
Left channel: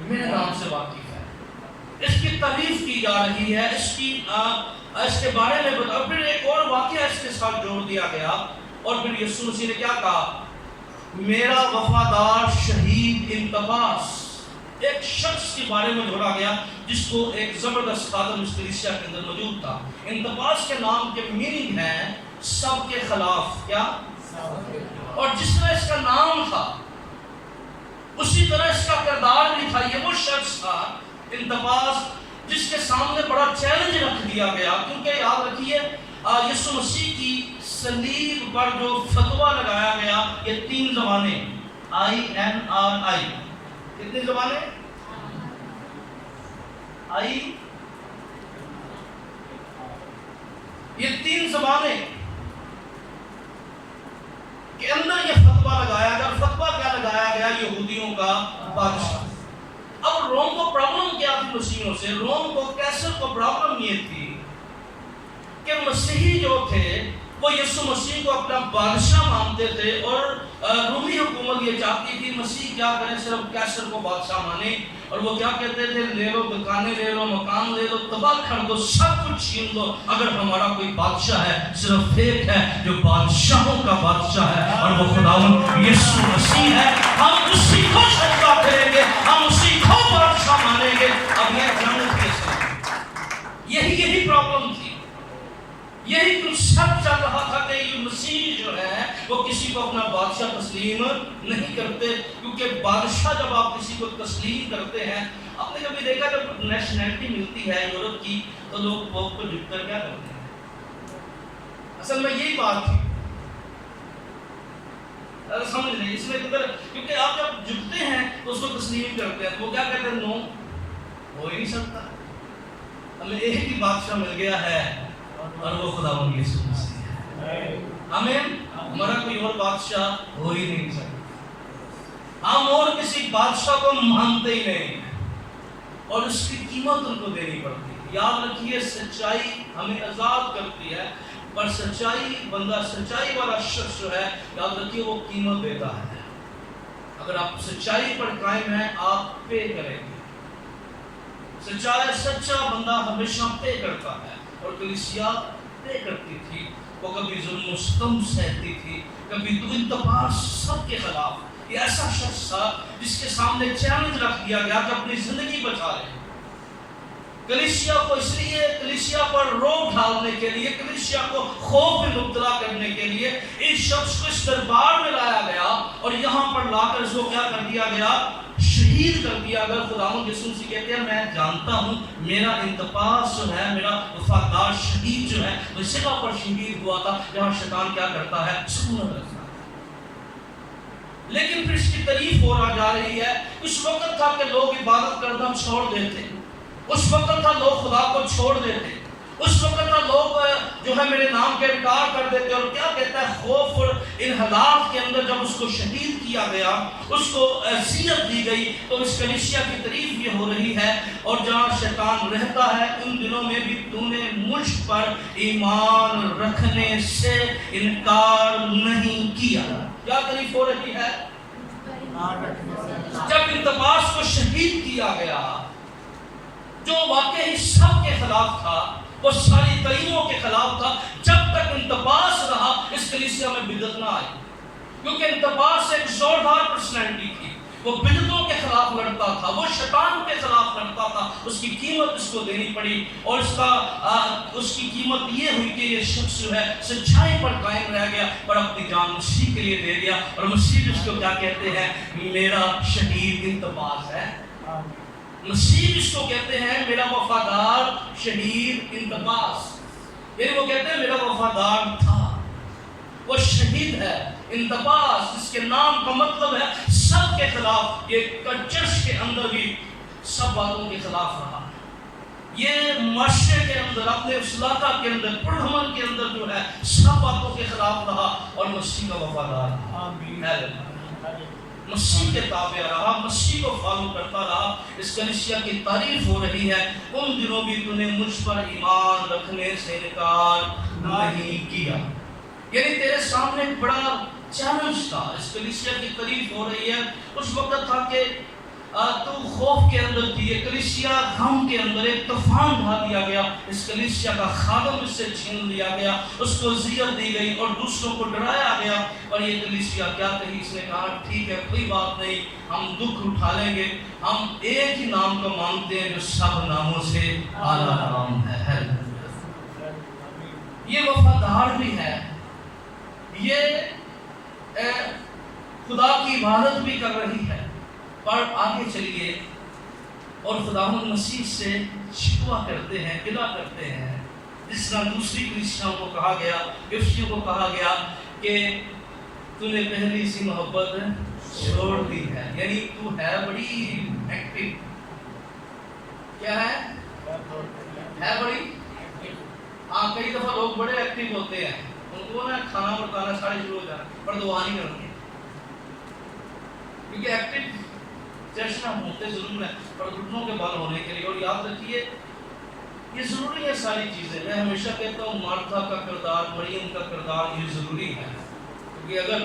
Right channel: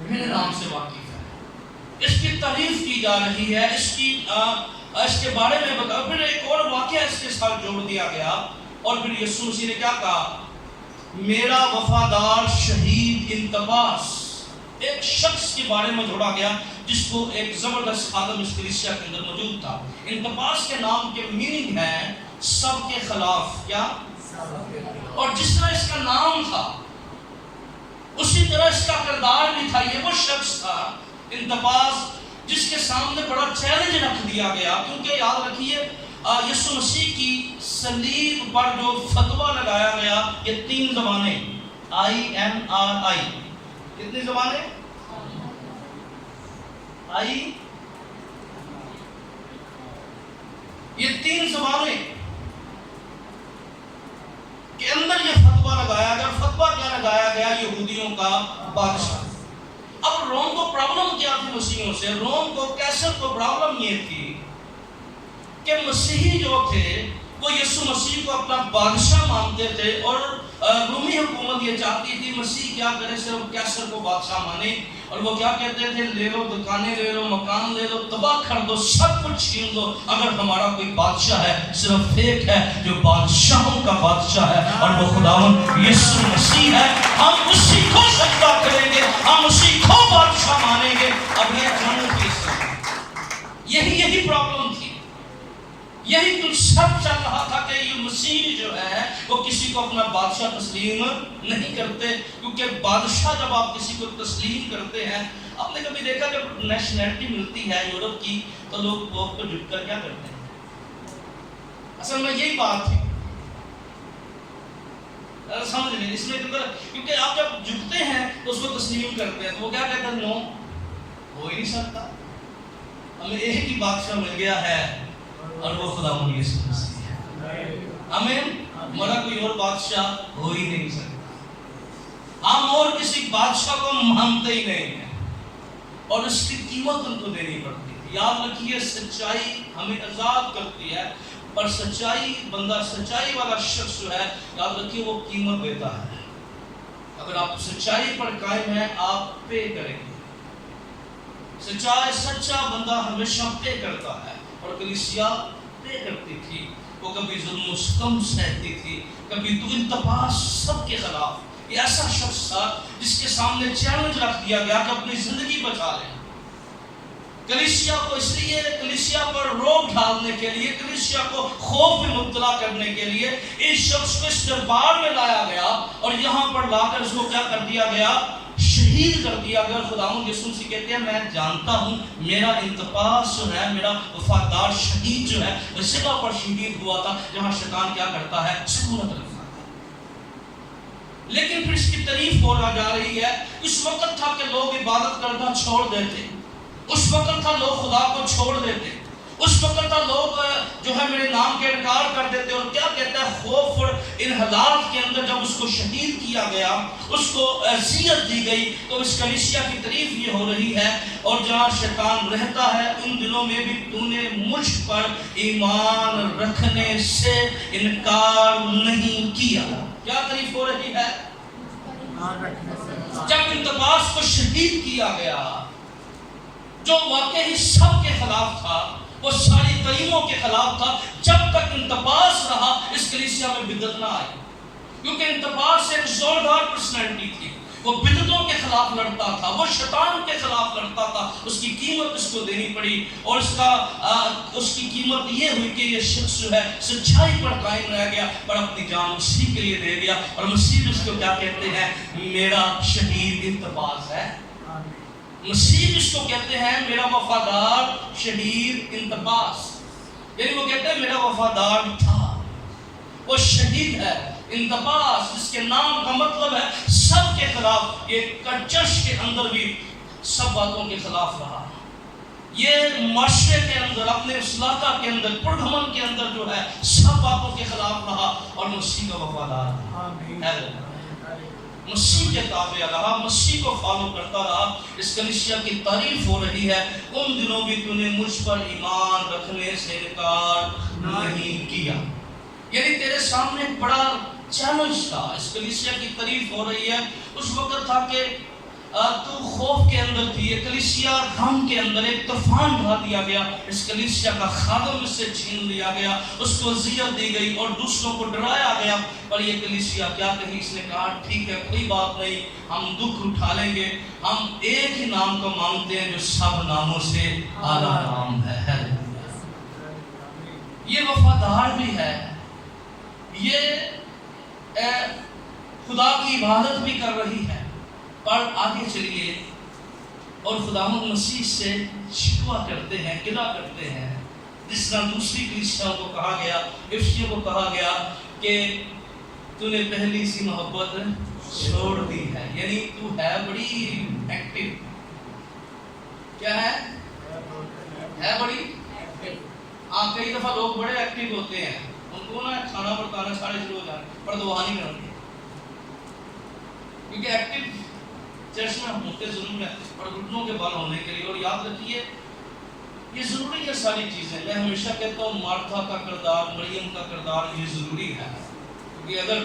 میرے نام سے واقف ہے۔ اس کی تعریف کی جا رہی ہے، اس کے بارے میں بتا۔ پھر ایک اور واقعہ اس کے ساتھ جوڑ دیا گیا، اور پھر یسوع مسیح نے کیا کہا، میرا وفادار شہید انتباس، ایک شخص کے بارے میں جوڑا گیا جس کو ایک زبردست خادم اس کلیسیا کے اندر موجود تھا۔ انتباس کے نام کے میننگ ہے سب کے خلاف، کیا، اور جس طرح اس کا نام تھا اسی طرح اس کا کردار بھی تھا۔ یہ وہ شخص تھا انتباس جس کے سامنے بڑا چیلنج رکھ دیا گیا، کیونکہ یاد رکھیے یسوع مسیح کی صلیب پر جو فتویٰ لگایا گیا، یہ 3 زبانیں، INRI، کتنی زبانیں، یہ 3 زبانیں کے اندر یہ فتویٰ لگایا گیا۔ فتویٰ کیا لگایا گیا، یہودیوں کا بادشاہ۔ اب روم کو پرابلم کیا تھی مسیحیوں سے، روم کو، کیسر کو پرابلم یہ تھی کہ مسیحی جو تھے وہ یسوع مسیح کو اپنا بادشاہ مانتے تھے، اور رومی حکومت یہ چاہتی تھی مسیح کیا کرے، صرف کیسر کو بادشاہ مانے، اور وہ کیا کہتے تھے، لے لو دکانیں لے لو، مکان لے لو، تباہ کر دو، سب کچھ چھین دو، اگر ہمارا کوئی بادشاہ ہے صرف ایک ہے جو بادشاہوں کا بادشاہ ہے، اور وہ خداوند یسوع مسیح ہے، ہم اسی کو سجدہ کریں گے، ہم اسی کو بادشاہ مانیں گے۔ اب یہ جنگ تھی اس کا، یہی پرابلم تھی، یہی کچھ سب چل رہا تھا کہ یہ مسیح جو ہے وہ کسی کو اپنا بادشاہ تسلیم نہیں کرتے، کیونکہ بادشاہ جب آپ کسی کو تسلیم کرتے ہیں، آپ نے کبھی دیکھا جب نیشنلٹی ملتی ہے یورپ کی تو لوگ بہت کو جھک کر کیا کرتے ہیں، اصل میں یہی بات تھی، سمجھ لیں اس میں کیونکہ آپ جب جھکتے ہیں تو اس کو تسلیم کرتے ہیں تو وہ کیا کہتے ہیں، نو ہو ہی نہیں سکتا، ہمیں ایک ہی بادشاہ مل گیا ہے اور وہ خداوند یسوع مسیح ہے، آمین۔ ہمارا کوئی اور بادشاہ ہو ہی نہیں سکتا، ہم اور کسی بادشاہ کو مانتے ہی نہیں ہیں، اور اس کی قیمت ان کو دینی پڑتی ہے۔ یاد رکھیے سچائی ہمیں آزاد کرتی ہے، پر سچائی والا شخص جو ہے، یاد رکھیے وہ قیمت دیتا ہے۔ اگر آپ سچائی پر قائم ہیں آپ پے کریں گے، سچا بندہ ہمیشہ پے کرتا ہے، اور کلیسیا پے کرتی تھی، وہ کبھی ظلم و ستم سہتی تھی، کبھی تو انتباس سب کے خلاف۔ یہ ایسا شخص تھا جس کے سامنے چیلنج رکھ دیا گیا کہ اپنی زندگی بچا لے، کلیسیا کو اس لیے، کلیسیا پر روک ڈالنے کے لیے، کلیسیا کو خوف میں مبتلا کرنے کے لیے اس شخص کو اس دربار میں لایا گیا، اور یہاں پر لا کر اس کو کیا کر دیا گیا، شہید کر دیا گیا۔ خداوند یسوع مسیح کہتے ہیں میں جانتا ہوں میرا انتباس جو ہے، میرا وفادار شہید جو ہے وہ صلہ پر شہید ہوا تھا، جہاں شیطان کیا کرتا ہے، سکونت رکھتا ہے۔ لیکن پھر اس کی تعریف ہو جا رہی ہے، اس وقت تھا کہ لوگ عبادت کرنا چھوڑ دیتے، اس وقت تھا لوگ خدا کو چھوڑ دیتے، اس وقت تھا لوگ جو ہے میرے نام کے انکار کر دیتے، اور کیا کہتا ہے، خوف اور انحلال کے اندر جب اس کو شہید کیا گیا، اس کو اذیت دی گئی، تو اس کلیسیا کی تعریف یہ ہو رہی ہے، اور جہاں شیطان رہتا ہے ان دنوں میں بھی تو نے مجھ پر ایمان رکھنے سے انکار نہیں کیا۔ کیا تعریف ہو رہی ہے؟ جب انتباس کو شہید کیا گیا، جو واقعی سب کے خلاف تھا، وہ ساری تعلیموں کے خلاف تھا، جب تک انتباس رہا اس کلیسیا میں بدعت نہ آئی، کیونکہ انتباس ایک زوردار پرسنالٹی تھی، وہ بدعتوں کے خلاف لڑتا تھا، وہ شیطان کے خلاف لڑتا تھا، اس کی قیمت اس کو دینی پڑی، اور اس کی قیمت یہ ہوئی کہ یہ شخص جو ہے سچائی پر قائم رہ گیا، اور اپنی جان مسیح کے لیے دے دیا، اور مسیح اس کو کیا کہتے ہیں، میرا شہید انتباس ہے، مسیح اس کو کہتے ہیں میرا وفادار شہید انتباس، یعنی وہ کہتے ہیں میرا وفادار تھا، وہ شہید ہے۔ انتباس جس کے نام کا مطلب ہے سب کے خلاف، یہ چرچ کے اندر بھی سب باتوں کے خلاف رہا، یہ معاشرے کے اندر، اپنے علاقہ کے اندر، پرڈھمن کے اندر جو ہے سب باتوں کے خلاف رہا، اور مسیح کا وفادار تھا، مسیح کے تابع رہا، مسیح کو فالو کرتا رہا۔ اس کلیسیا کی تعریف ہو رہی ہے، ان دنوں بھی تو نے مجھ پر ایمان رکھنے سے انکار نہیں کیا، یعنی تیرے سامنے ایک بڑا چیلنج تھا۔ اس کلیسیا کی تعریف ہو رہی ہے، اس وقت تھا کہ تو خوف کے اندر تھی، یہ کلیسیا غم کے اندر، ایک طوفان ڈھا دیا گیا، اس کلیسیا کا خادم اس سے چھین لیا گیا، اس کو اذیت دی گئی اور دوسروں کو ڈرایا گیا، پر یہ کلیسیا کیا کہی، اس نے کہا ٹھیک ہے کوئی بات نہیں، ہم دکھ اٹھا لیں گے، ہم ایک ہی نام کو مانتے ہیں جو سب ناموں سے اعلیٰ نام ہے۔ یہ وفادار بھی ہے، یہ خدا کی عبادت بھی کر رہی ہے، پر آگے چلیے اور خداوند مسیح سے شکوہ کرتے ہیں، گلہ کرتے ہیں، جس طرح دوسری کلیسیاں کو کہا گیا، افسیوں کو کہا گیا کہ تو نے پہلی سی محبت چھوڑ دی ہے، یعنی تو ہے بڑی ایکٹیو، کیا ہے بڑی، کئی دفعہ لوگ بڑے ایکٹیو ہوتے ہیں، ان کو نا کھانا پکانا سارے شروع ہو جاتے ہیں، پر دعا نہیں کرتے، کیونکہ ایکٹیو چرچ میں ہوتے ضرور ہے، اور گھٹنوں کے بل ہونے کے لیے، اور یاد رکھیے یہ ضروری ہے ساری چیزیں۔ میں ہمیشہ کہتا ہوں مارتھا کا کردار، مریم کا کردار یہ ضروری ہے، کیونکہ اگر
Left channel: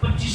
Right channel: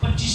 25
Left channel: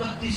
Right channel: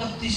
31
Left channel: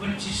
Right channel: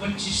25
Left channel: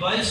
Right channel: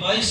22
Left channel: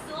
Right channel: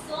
100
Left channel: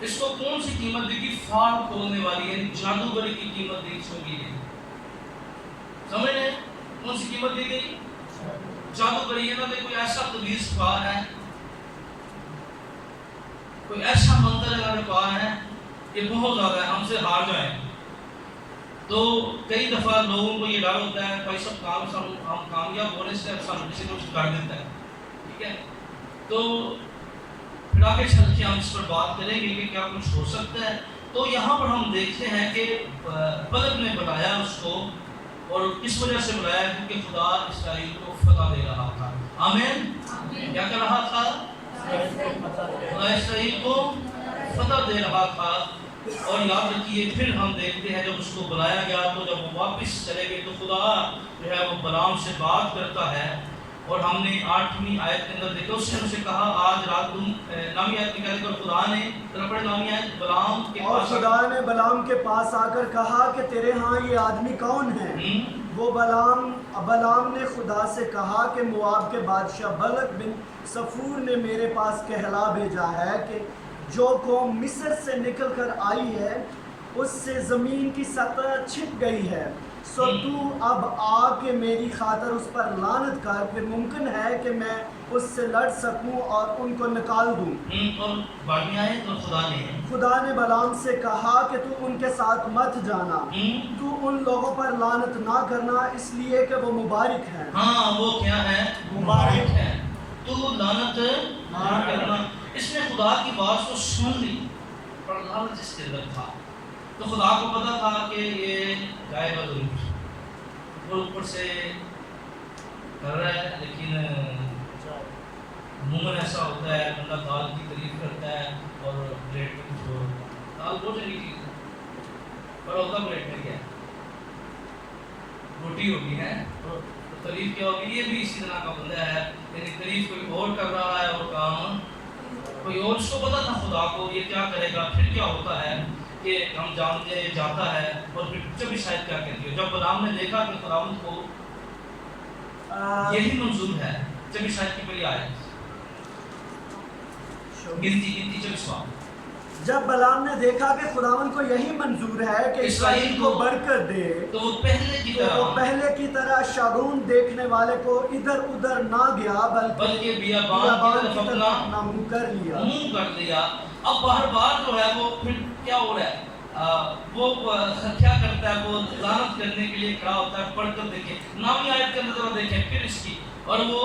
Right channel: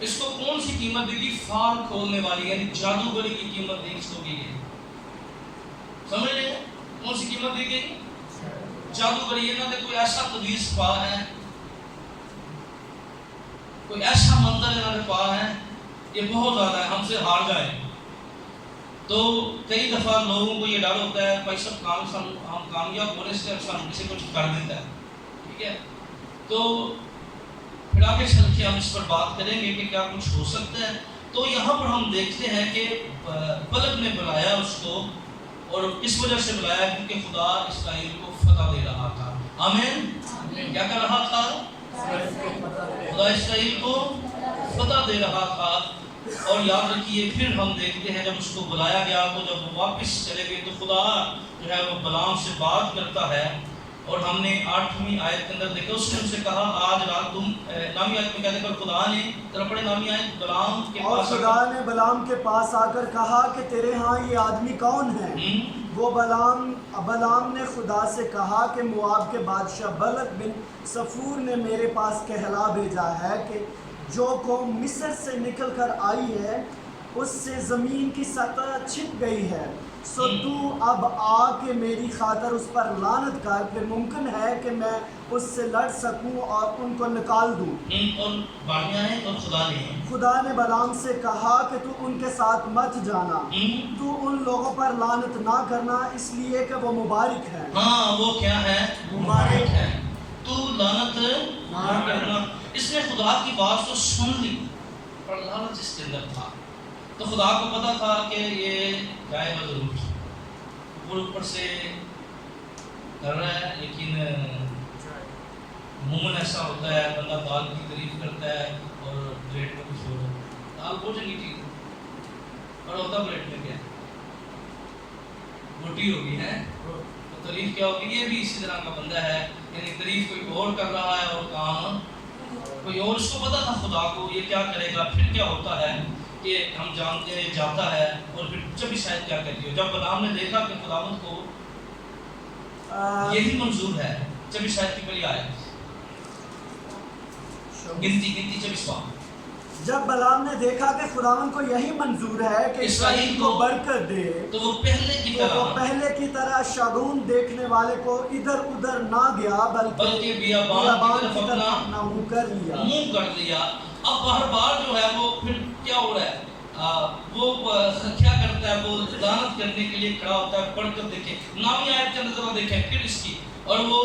اس کو کون سی قیمت دی گئی؟ فال کھولنے والی، یعنی جادوگری کی قیمت دی اس کو کی گئی. سمجھ رہے ہیں کون سی قیمت دی گئی؟ جادوگری. یہ نہ کہ کوئی ایسا تعویذ پا ہے، کوئی ایسا منتر انہوں نے پا ہے یہ بہت زیادہ ہے، ہم سے ہار جائے. تو کئی دفعہ لوگوں کو یہ ڈر ہوتا ہے بھائی سب ہم کامیاب ہونے سے اب ہم کسی کو کر دیتا ہے. ٹھیک ہے، تو پھر آگے چل کے ہم اس پر بات کریں گے کہ کیا کچھ ہو سکتا ہے. تو یہاں پر ہم دیکھتے ہیں کہ بلق نے بلایا اس کو، اور اس وجہ سے بلایا کیونکہ خدا اسرائیل کو فتح دے رہا تھا. آمین. کیا کر رہا تھا؟ خدا اسرائیل کو فتح دے رہا تھا. اور یاد رکھیے پھر ہم دیکھتے ہیں جب اس کو بلایا گیا تو جب وہ واپس چلے گئے تو خدا جو ہے وہ بلعام سے بات کرتا ہے. اور ہم نے 8ویں آیت کے اندر دیکھا، اس نے ان سے کہا آج رات تم، نامی آیت میں کہتے ہیں خدا نے ذرا پڑھے نامی آیت، بلعام کے پاس، اور خدا نے بلعام کے پاس آ کر کہا کہ تیرے ہاں یہ آدمی کون ہے؟ وہ بلعام نے خدا سے کہا کہ مواب کے بادشاہ بلق بن صفور نے میرے پاس کہلا بھیجا ہے کہ جو قوم مصر سے نکل کر آئی ہے اس سے زمین کی سطح چھپ گئی ہے، سو تو اب آ کے میری خاطر اس پر لعنت کر، پھر ممکن ہے کہ میں اس سے لڑ سکوں اور ان کو نکال دوں. اور بارہویں آیت، اور خدا نے بلعام سے کہا کہ تو ان کے ساتھ مت جانا، تو ان لوگوں پر لعنت نہ کرنا اس لیے کہ وہ مبارک ہیں. ہاں وہ کیا ہے؟ مبارک ہے. تو لعنت نہ کرنا. اس نے خدا کی بات تو سن لی اور لعنت اس کے اندر تھا. تو خدا کو پتا تھا کہ یہ جائے گا ضرور، وہ اوپر سے کر رہا ہے. لیکن عموماً ایسا ہوتا ہے بندہ دال کی تعریف کرتا ہے اور پلیٹ میں کچھ اور. دال بہت چنگی چیز ہے اور ہوتا پلیٹ میں کیا روٹی ہوگی ہے، تو تعریف کیا ہوگی. یہ بھی اسی طرح کا بندہ ہے، یعنی تعریف کوئی اور کر رہا ہے اور کام کوئی اور. اس کو پتا تھا خدا کو یہ کیا کرے گا. پھر کیا ہوتا ہے کہ ہم جانتے ہیں یہ جاتا ہے. اور پھر جب شاید کیا کہتی ہو، جب بلعام نے دیکھا کہ خداوند کو یہی منظور ہے. جب شاید کی پہلی آئے گنتی 24. جب بلعام نے دیکھا کہ خداوند کو یہی منظور ہے کہ اسرائیل کو برکت دے، تو وہ پہلے کی طرح شگون دیکھنے والے کو ادھر ادھر نہ گیا بلکہ بیابان کی طرف اپنا منہ کر لیا. اب ہر بار جو ہے وہ پھر کیا ہو رہا ہے، وہ کیا کرتا ہے، وہ لعنت کرنے کے لیے کھڑا ہوتا ہے. پڑھ کر دیکھیں نامی آیت کا نظر دیکھیں پھر اس کی. اور وہ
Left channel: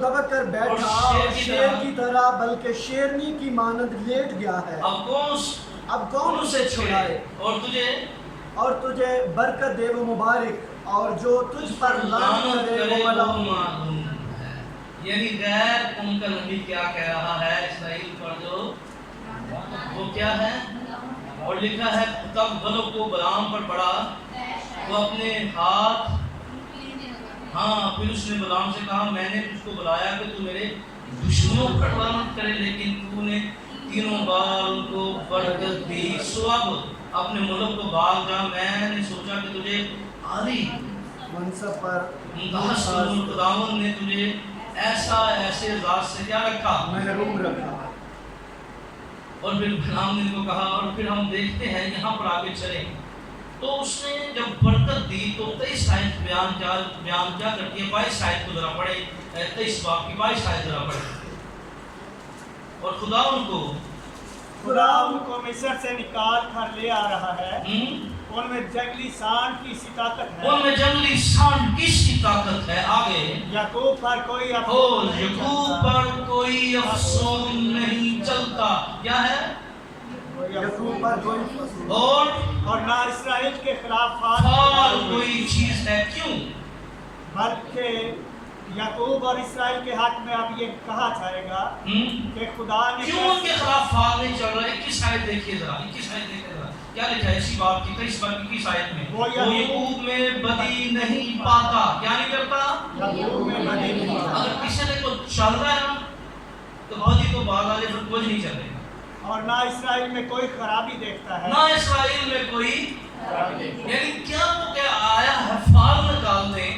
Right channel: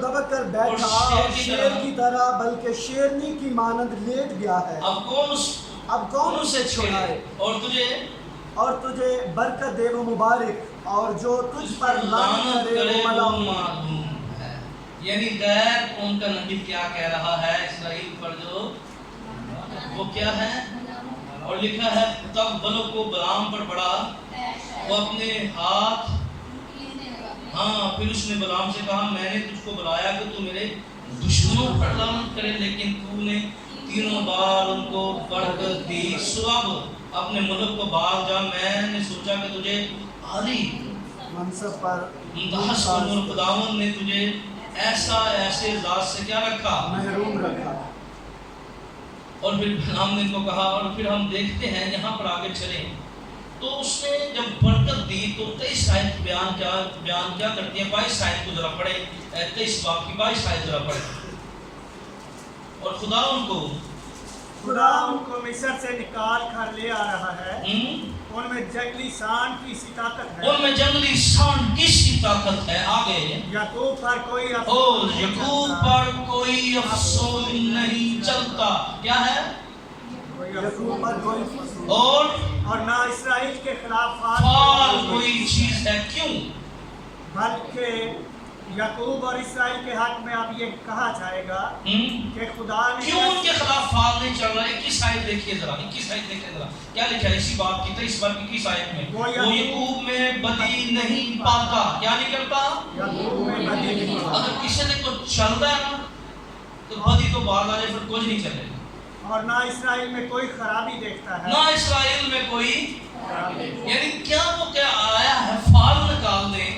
دبک کر بیٹھا اور شیر کی طرح بلکہ شیرنی کی مانند لیٹ گیا ہے. اب کون اسے چھڑائے؟ اور تجھے برکت دے وہ مبارک، اور جو تجھ پر لعنت کرے وہ ملعون ہے. یعنی غیر قوم کا نبی کیا کہہ رہا ہے اسرائیل پر، جو وہ کیا ہے. اور لکھا ہے تب بلق کو بلعام پر پڑا، وہ اپنے ہاتھ، ہاں پھر اس نے بلعام سے کہا میں نے تجھ کو بلایا کہ تو میرے دشمنوں پر لعنت کرے، لیکن تو نے 3 بار ان کو برکت دی. سو اب اپنے ملک کو بھاگ جا، میں نے سوچا کہ تجھے عالی منصب پر خداوند نے تجھے ایسے ذات سے کیا رکھا، محروم رکھا. اور پھر بلعام نے ان کو کہا. اور پھر ہم دیکھتے ہیں یہاں پر آگے چلیں تو اس نے جب برکت دی تو 23 آیت بیان کیا کرتی ہے. 22 آیت کو ذرا پڑھیں، 23 باب کی 22 آیت ذرا پڑھیں. اور خدا ان کو مصر سے نکال کر لے آ رہا ہے. ان میں جنگلی سانڈ کی سی طاقت ہے، ان میں جنگلی سانڈ کی سی طاقت ہے. آگے یعقوب پر کوئی افسون نہیں چلتا. کیا ہے؟ یعقوب پر کوئی اور نہ اسرائیل کے خلاف فال کوئی چیز ہے. کیوں؟ بلکہ یعقوب اور اسرائیل کے حق میں اب یہ کہا جائے گا کہ خدا نے کیوں ان کے خلاف فال نہیں چل رہا ہے. 21 آیت دیکھیے ذرا، 21 آیت دیکھیے ذرا کیا لکھا ہے اسی باب کی 23 باب کی 21 آیت میں. وہ یعقوب میں بدی نہیں پاتا. کیا نہیں کرتا؟ یعقوب میں بدی نہیں پاتا. اگر کسی نے کو چل رہا ہے نا تو بدی تو بعد آ جائے پھر کچھ نہیں چلے گا. اور نہ اسرائیل میں کوئی خرابی دیکھتا ہے، نہ اسرائیل میں کوئی یعنی کیا وہ کیا آیا ہے فال نکالنے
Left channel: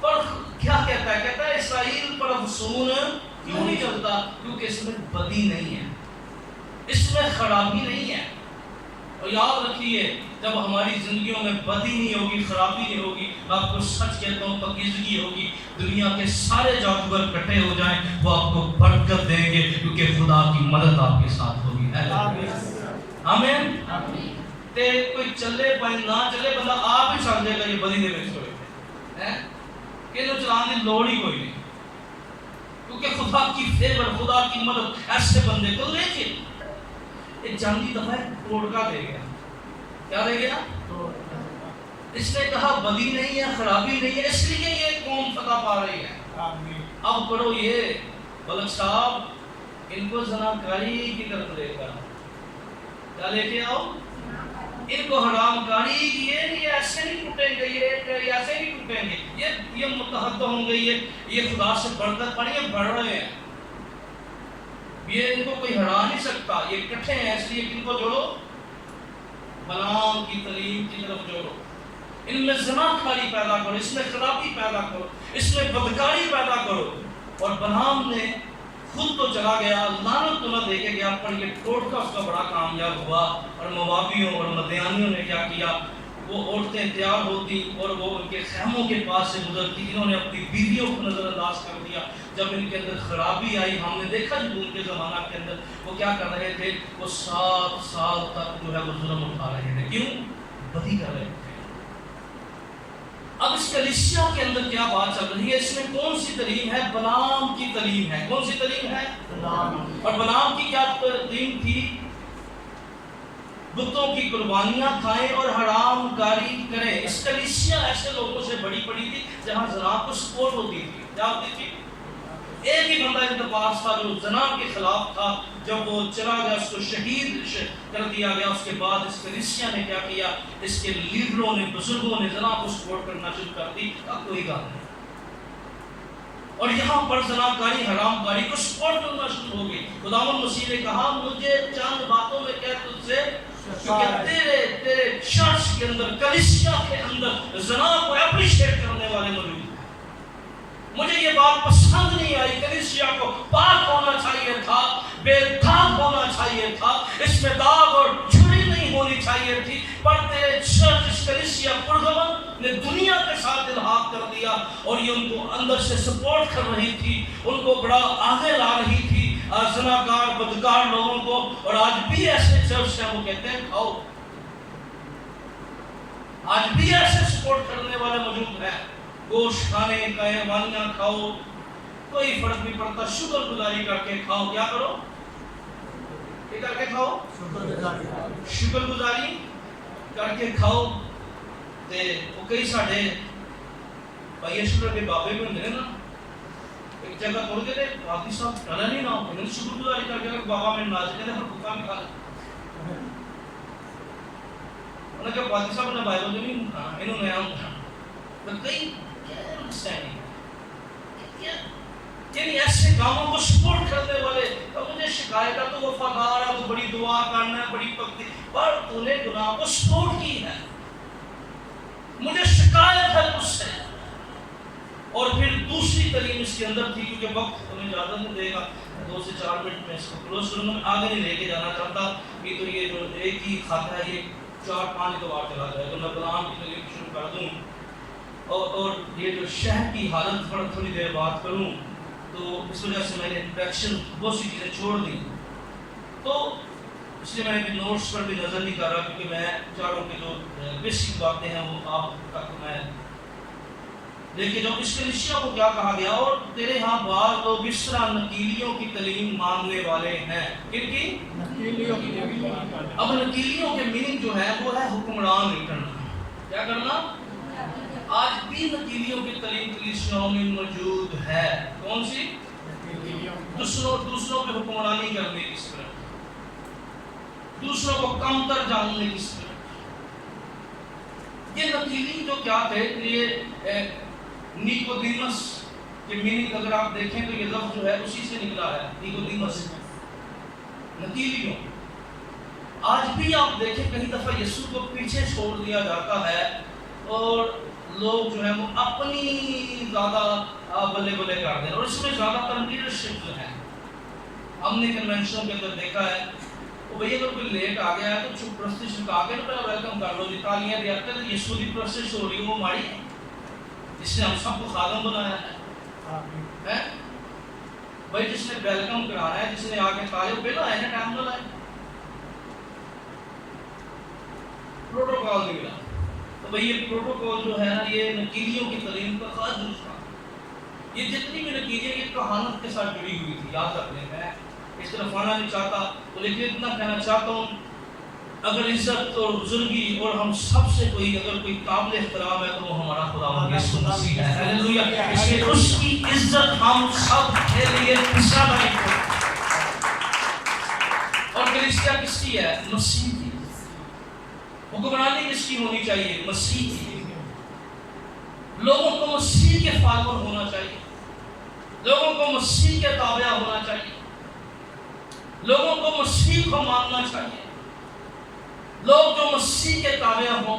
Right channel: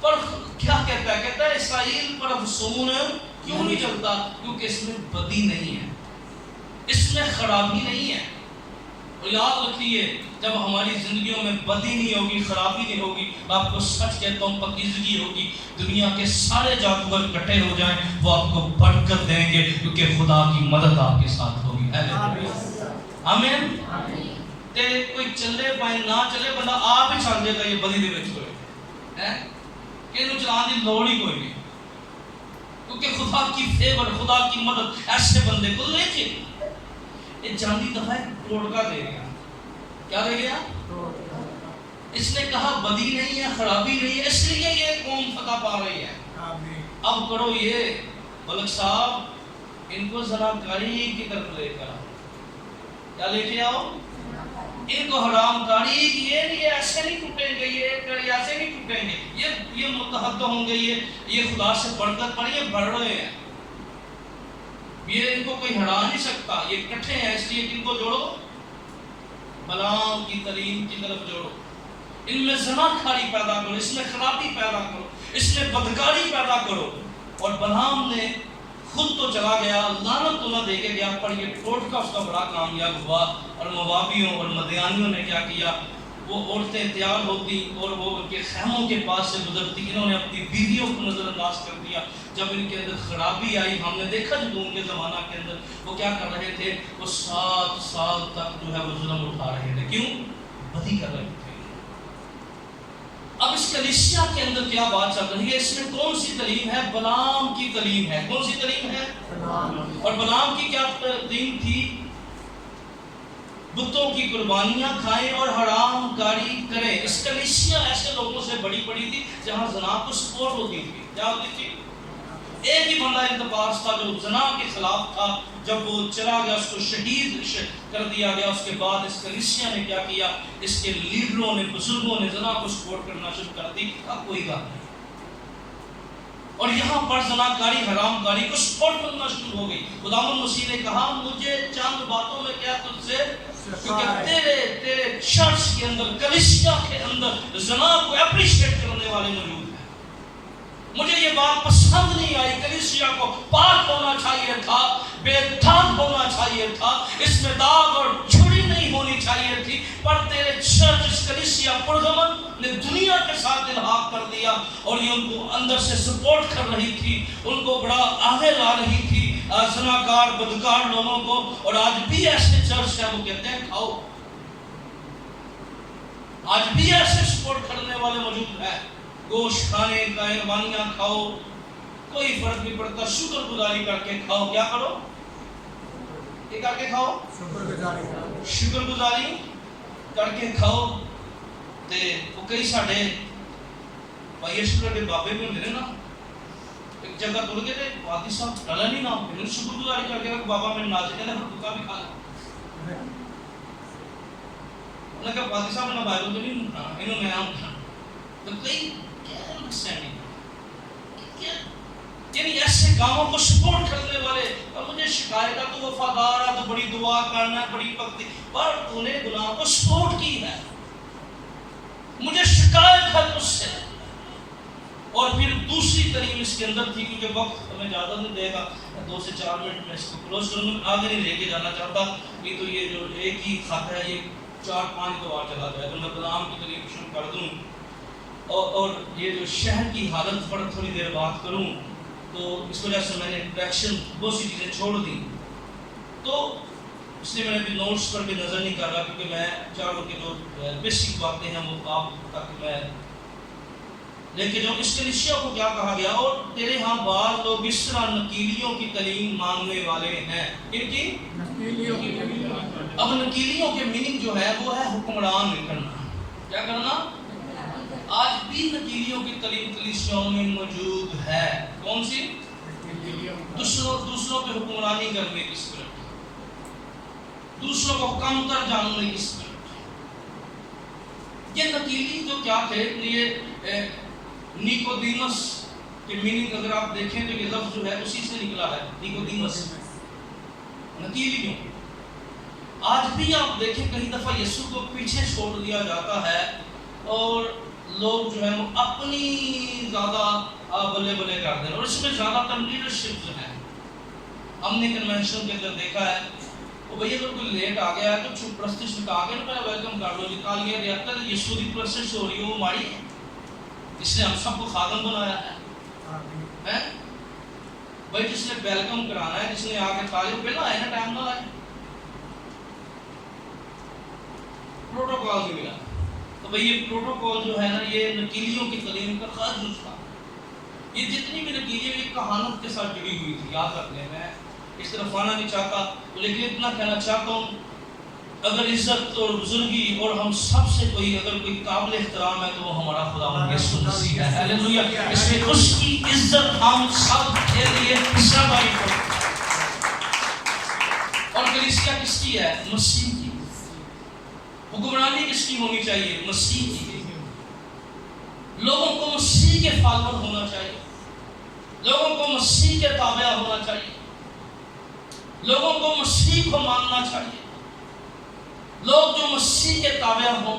پر. کیا کہتا ہے؟ کہتا ہے اسرائیل پر افسون کیوں نہیں چلتا؟ کیونکہ اس میں بدی نہیں ہے. اس میں خرابی نہیں ہے. اور یاد رکھیے جب ہماری زندگیوں میں بدی نہیں ہوگی، خرابی نہیں ہوگی، میں آپ کو سچ کہتا ہوں پاکیزگی ہوگی. دنیا کے سارے جادوگر اکٹھے ہو جائیں وہ آپ کو برکت دیں گے کیونکہ خدا کی مدد آپ کے ساتھ ہوگی. آمین. تے کوئی چلے پائے نہ چلے بندہ آپ ہی چل جائے گا یہ بدی دے وچ ہوئے کہ انہوں چلان کی لوڑ ہی کوئی نہیں کیونکہ خدا کی فیور، خدا کی مدد ایسے بندے کو لے کے ایک جاندی دفعہ ٹوٹکا دے گیا. کیا دے گیا؟ اس نے کہا بدی نہیں ہے، خرابی نہیں ہے، اس لیے یہ قوم فتح پا رہی ہے. اب کرو یہ ملک صاحب ان کو زناکاری کی طرف لے کر کیا لے کے آؤ، ان کو حرام کاری کی. یہ ایسے نہیں ٹوٹیں گے، یہ ایسے نہیں ٹوٹیں گے، یہ متحد ہوں گے، یہ خدا سے برکت پڑی ہے، بڑھ رہے ہیں. یہ ان کو کوئی ہرا نہیں سکتا، یہ اکٹھے ہیں. اس لیے ان کو جوڑو، بلعام کی تعلیم کی طرف جوڑو. ان میں زناکاری پیدا کرو، اس میں خرابی پیدا کرو، اس میں بدکاری پیدا کرو. اور بلعام نے خود تو چلا گیا، لعنت تو نہ دے کے گیا، پر یہ ٹوٹکا اس کا بڑا کامیاب ہوا. اور موابیوں اور مدیانیوں نے کیا کیا، وہ عورتیں تیار ہوتی اور وہ ان کے خیموں کے پاس سے گزرتی. انہوں نے اپنی بیویوں کو نظر انداز کر دیا. جب ان کے اندر خرابی آئی، ہم نے دیکھا جب ان کے زمانہ کے اندر وہ کیا کر رہے تھے، وہ 7 سال تک جو ہے وہ ظلم اٹھا رہے تھے. کیوں؟ بدی کر رہے تھے. اب اس کلیسیا کے اندر کیا بات چل رہی ہے؟ اس میں کون سی تعلیم ہے؟ بلعام کی تعلیم ہے. کون سی تعلیم ہے؟ اور بلعام کی کیا تعلیم تھی؟ بتوں کی قربانیاں کھائیں اور حرام کاری کریں. اس کلیسیا ایسے لوگوں سے بڑی بڑی تھی جہاں زنا کو سپورٹ ہوتی تھی. کیا ہوتی تھی؟ ایک ہی بندہ التباس تھا جو زنا کے خلاف تھا. جب وہ چلا گیا اس کو شہید کر دیا گیا. اس کے بعد اس کلیسیا نے کیا کیا، اس کے لیڈروں نے، بزرگوں نے زنا کو سپورٹ کرنا شروع کر دی. اب کوئی گل نہیں. اور یہاں پر زناکاری، حرام کاری کو سپورٹ کرنا شروع ہو گئی. خداوند مسیح نے کہا مجھے چند باتوں میں کیا تجھ سے، کیونکہ تیرے چرچ کے اندر، کلیسیا کے اندر زنا کو اپریشیٹ کرنے والے موجود ہیں. مجھے یہ بات پسند نہیں آئی. کلیسیا کو پاک ہونا چاہیے تھا، بے داغ ہونا چاہیے تھا، اس میں داغ اور جھری نہیں ہونی چاہیے تھی. پر تیرے چرچ، اس کلیسیا پرغمن نے دنیا کے ساتھ الحاق کر دیا اور یہ ان کو اندر سے سپورٹ کر رہی تھی، ان کو بڑا آگے لا رہی تھی زناکار بدکار لوگوں کو. اور آج بھی ایسے چرچ ہیں وہ کہتے ہیں کھاؤ. آج بھی ایسے سپورٹ کرنے والے موجود ہیں، گوشت کھانے، قربانیاں کھاؤ، کوئی فرق نہیں پڑتا، شکر گزاری کر کے کھاؤ. کیا کرو؟ یہ کر کے کھاؤ، شکر گزاری کر کے کھاؤ. تے وہ کئی ساڈے بھائی شکر کے بابے بھی ہوندے نا، ایک جگہ تر گئے نے حاجی صاحب ڈالا نہیں نہ انہوں شکر گزاری کر کے بابا میں ناچ کے پھر بھوکا بھی کھا لا. انہوں نے کہا حاجی صاحب نے بائبل تو نہیں کھانا، انہوں نے ہم کھانا. تو کئی کیا نقصان یعنی ایسے کاموں کو سپورٹ کرنے والے. اور مجھے شکایت ہے تو وفادار ہے، تو بڑی دعا کرنا ہے، بڑی پکتی، پر تو نے گناہ کو سپورٹ کی ہے. مجھے شکایت ہے اس سے. اور پھر دوسری تعلیم اس کے اندر تھی، کیونکہ وقت ہمیں اجازت نہیں دے گا، 2 سے 4 منٹ میں اس کو کلوز کروں گا. میں آگے نہیں لے کے جانا چاہتا کہ تو یہ جو ایک ہی خط ہے یہ 4-5 کو بار چلا جائے. تو میں بلعام کی تعلیم شروع کر دوں اور یہ جو شہر کی حالت پر تھوڑی دیر بات کروں. تو اس وجہ سے میں نے انٹریکشن بہت سی چیزیں چھوڑ دی. تو اس لیے میں نے بھی نوٹس پر بھی نظر نہیں کر رہا، کیونکہ میں چاروں کی جو بیسک باتیں ہیں وہ آپ تک میں لے کے جاؤں. اس کلیسیا کو کیا کہا گیا؟ اور تیرے ہاں بعض لوگ اس طرح نکیلیوں کی تعلیم ماننے والے ہیں. کن کی؟ نکیلیوں کی. اب نکیلیوں کے میننگ جو ہے وہ ہے حکمران کرنا. کیا کرنا؟ آج بھی نکیلیوں کی تعلیم کلیسیاؤں میں موجود ہے. کون سی؟ دوسروں پہ حکمرانی کرنے کی اسپرٹ، دوسروں کو کم تر جاننے کی اسپرٹ. یہ نکیلی جو کیا تھے، یہ نیکودیمس کے میننگ اگر آپ دیکھیں تو یہ لفظ جو ہے اسی سے نکلا ہے، نیکودیمس، نکیلیوں. آج بھی آپ دیکھیں کئی دفعہ یسوع کو پیچھے چھوڑ دیا جاتا ہے اور لوگ جو ہے وہ اپنی زیادہ بلے بلے کر دیں. اور اس میں زیادہ تر لیڈرشپ جو ہے، ہم نے کنونشنوں کے اندر دیکھا ہے وہ بھئی اگر کوئی لیٹ آ گیا ہے تو چھپ پرستش لکھا کے نا پہلے ویلکم کر لو جی تالیاں ریاکتے تو یسوع دی پرستش ہو رہی ہو وہ ماڑی ہے. جس نے ہم سب کو خادم بنایا ہے بھائی جس نے ویلکم کرانا ہے جس نے آگے تالیاں پہلے آئے نا ٹائم نہ لائے. پروٹوکول بھی ملا تو بھئی یہ پروٹوکول جو ہے نا یہ نکیلیوں کی تعلیم کا خاص نسخہ. یہ جتنی بھی نکیلیاں یہ کہانت کے ساتھ جڑی ہوئی تھی یاد رکھ لیں. میں اس طرف آنا نہیں چاہتا لیکن اتنا کہنا چاہتا ہوں اگر عزت اور بزرگی اور ہم سب سے کوئی اگر کوئی قابل احترام ہے تو وہ ہمارا خداوند یسوع مسیح ہے. ہاللیلویہ. اس لیے اس کی عزت ہم سب کے لیے حصہ داری کریں. اور کلیسیا کس کی ہے؟ مسیح کی. حکمرانی کس کی ہونی چاہیے؟ مسیح کی. لوگوں کو مسیح کے فالوور ہونا چاہیے. لوگوں کو مسیح کے تابع ہونا چاہیے. لوگوں کو مسیح کو ماننا چاہیے. لوگ جو مسیح کے تابع ہوں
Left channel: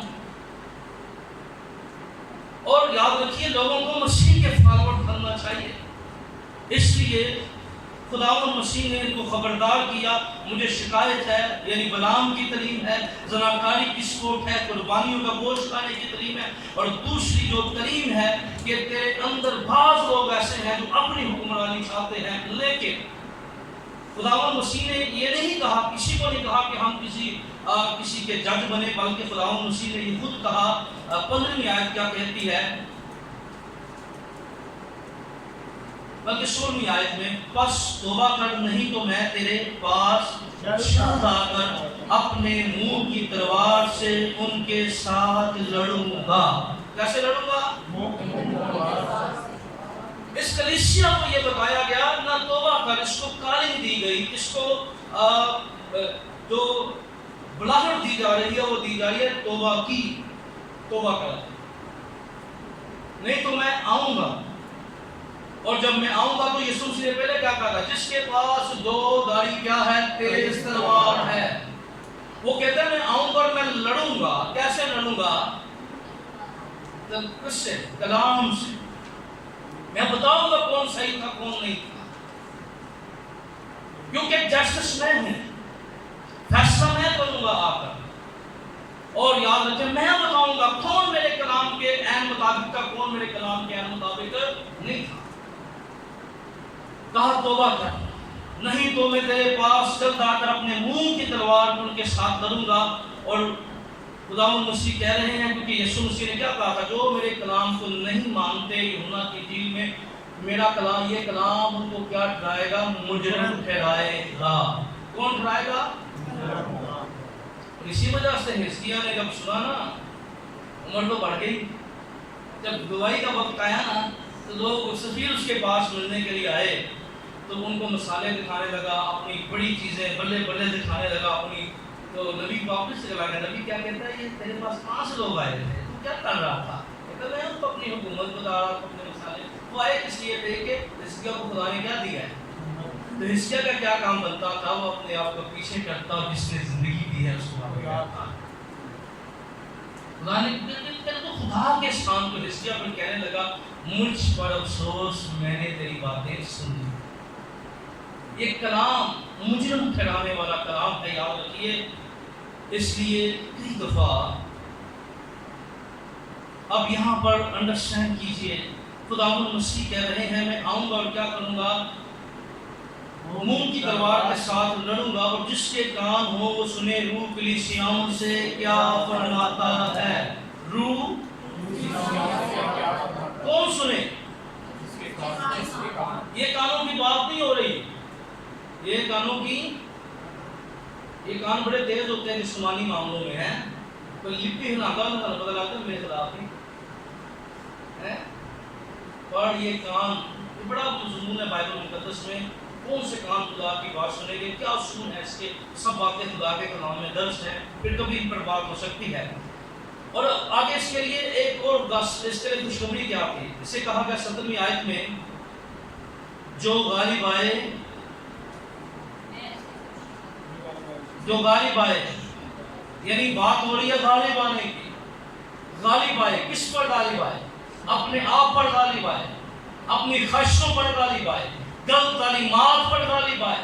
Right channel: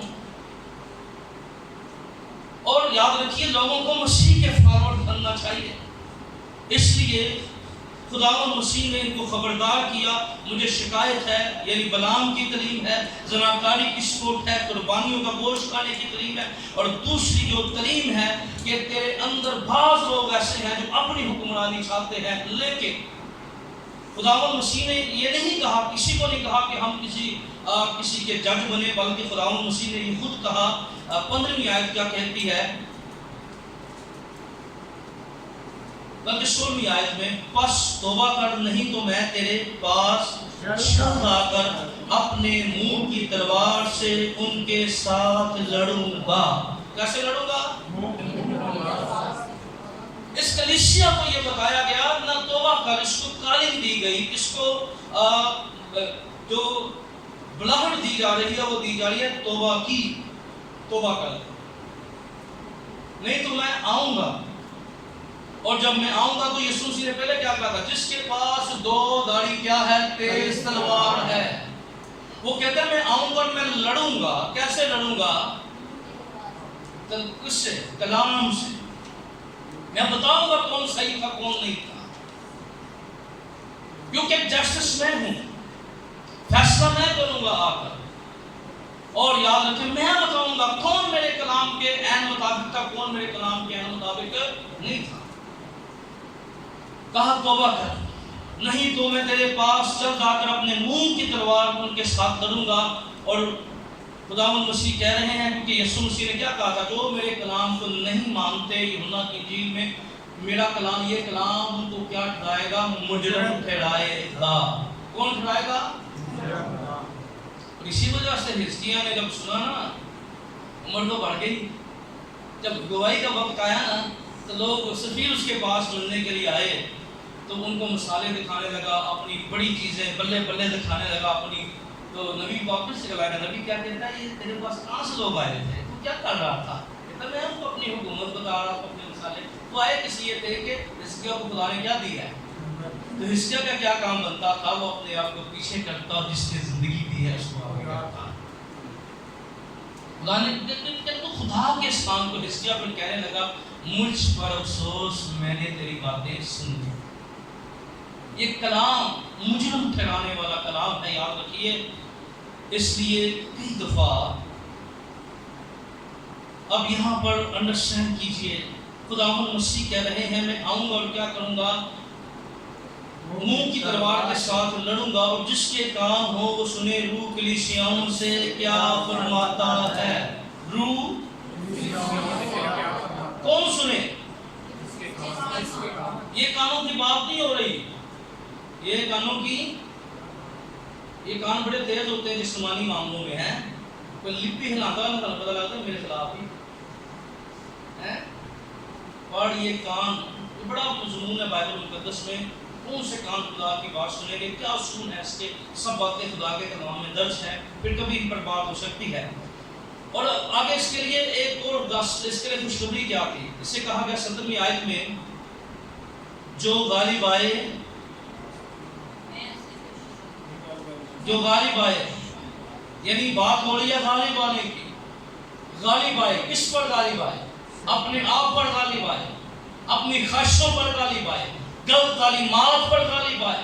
اور یاد رکھیے لوگوں کو مسیح کے فالوور بننا چاہیے. اس لیے خداوند مسیح نے ان کو خبردار کیا. مجھے شکایت ہے یعنی بلام کی تعلیم ہے, زناکاری کی سپورٹ ہے, قربانیوں کا گوشت کھانے کی تعلیم ہے, اور دوسری جو تعلیم ہے کہ تیرے اندر بعض لوگ ایسے ہیں جو اپنی حکمرانی چاہتے ہیں. لیکن خداوند مسیح نے یہ نہیں کہا, کسی کو نہیں کہا کہ ہم کسی کے جج بنے, بلکہ خداوند مسیح نے یہ خود کہا. 15ویں آیت کیا کہتی ہے بلکہ 16ویں آیت میں پس توبہ کر نہیں تو میں تیرے پاس جلد آ کر اپنے منہ کی تلوار سے ان کے ساتھ لڑوں گا. کیسے لڑوں گا؟ اس کلیسیا کو یہ بتایا گیا نہ توبہ کر, اس کو کالنگ دی گئی, اس کو جو بلاہٹ دی جا رہی ہے وہ دی جا رہی ہے توبہ کی. توبہ کر نہیں تو میں آؤں گا. اور جب میں آؤں گا تو یسوع مسیح نے پہلے کیا کہا تھا؟ جس کے پاس 2 داڑھی کیا ہے؟ تیز تلوار ہے. وہ کہتے ہیں میں آؤں گا اور میں لڑوں گا. کیسے لڑوں گا؟ کس سے؟ کلام سے. میں بتاؤں گا کون صحیح تھا کون نہیں تھا, کیونکہ جسٹس میں ہوں, فیصلہ میں کروں گا آ کر. اور یاد رکھیں میں بتاؤں گا کون میرے کلام کے عین مطابق تھا, کون میرے کلام کے عین مطابق نہیں تھا. کہا توبہ کر نہیں تو میں تیرے پاس جلد آ کر اپنے منہ کی تلوار ان کے ساتھ لڑوں گا. اور خداوند مسیح کہہ رہے ہیں کیونکہ یسوع مسیح نے کیا کہا تھا؟ جو میرے کلام کو نہیں مانتے, یوحنا کی انجیل میں میرا کلام, یہ کلام ان کو کیا ٹھہرائے گا؟ مجرم ٹھہرائے گا. کون ٹھہرائے گا؟ اور اسی وجہ سے حزقیہ نے جب سنا نا عمر تو بڑھ گئی, جب گواہی کا وقت آیا نا تو لوگ سفیر اس کے پاس ملنے کے لیے آئے تو ان کو مسالے دکھانے لگا, اپنی بڑی چیزیں بلے بلے دکھانے لگا اپنی. تو نبی واپس سے چلا گیا. نبی کیا کہتا ہے؟ یہ تیرے پاس کہاں سے لوگ آئے تھے, تو کیا کر رہا تھا؟ کہتا میں ان کو اپنی حکومت بتا رہا تھا, اپنے مسالے. وہ آئے کس لیے تھے کہ حزقیہ کو خدا نے کیا دیا ہے. تو حزقیہ کا کیا کام بنتا تھا؟ وہ اپنے آپ کو پیچھے کرتا اور جس نے زندگی دی ہے اس کو آگے کرتا. خدا کے سان کو حزقیہ پر کہنے لگا مجھ پر افسوس, میں نے تیری باتیں سن لی. یہ کلام مجرم ٹھہرانے والا کلام ہے, یاد رکھیے. اس لیے کئی دفعہ اب یہاں پر انڈرسٹینڈ کیجئے, خداوند مسیح کہہ رہے ہیں میں آؤں گا اور کیا کروں گا؟ منہ کی تلوار کے ساتھ لڑوں گا. اور جس کے کان ہو وہ سنے روح کلیسیاؤں سے کیا فرماتا ہے. روح کون سنے؟ یہ کانوں کی بات نہیں ہو رہی. یہ کانوں کی, یہ کان بڑے تیز ہوتے ہیں جسمانی معاملوں میں ہیں. کوئی لپی ہلاتا ہے پتہ لگتا ہے میرے خلاف ہی ہے. اور یہ کان بڑا مضمون ہے بائبل مقدس میں. کون سے کان خدا کی بات سنیں گے, کیا اصول ہے اس کے؟ سب باتیں خدا کے کلام میں درج ہیں, پھر کبھی ان پر بات ہو سکتی ہے. اور آگے اس کے لیے ایک اور اس کے لیے خوشخبری کیا تھی. اس سے کہا گیا 17ویں آیت میں جو غالب آئے, جو غالب آئے, یعنی بات ہو رہی ہے غالب آنے کی. غالب آئے کس پر غالب آئے؟ اپنے آپ پر غالب آئے, اپنی خواہشوں پر غالب آئے, غلط تعلیمات پر غالب آئے,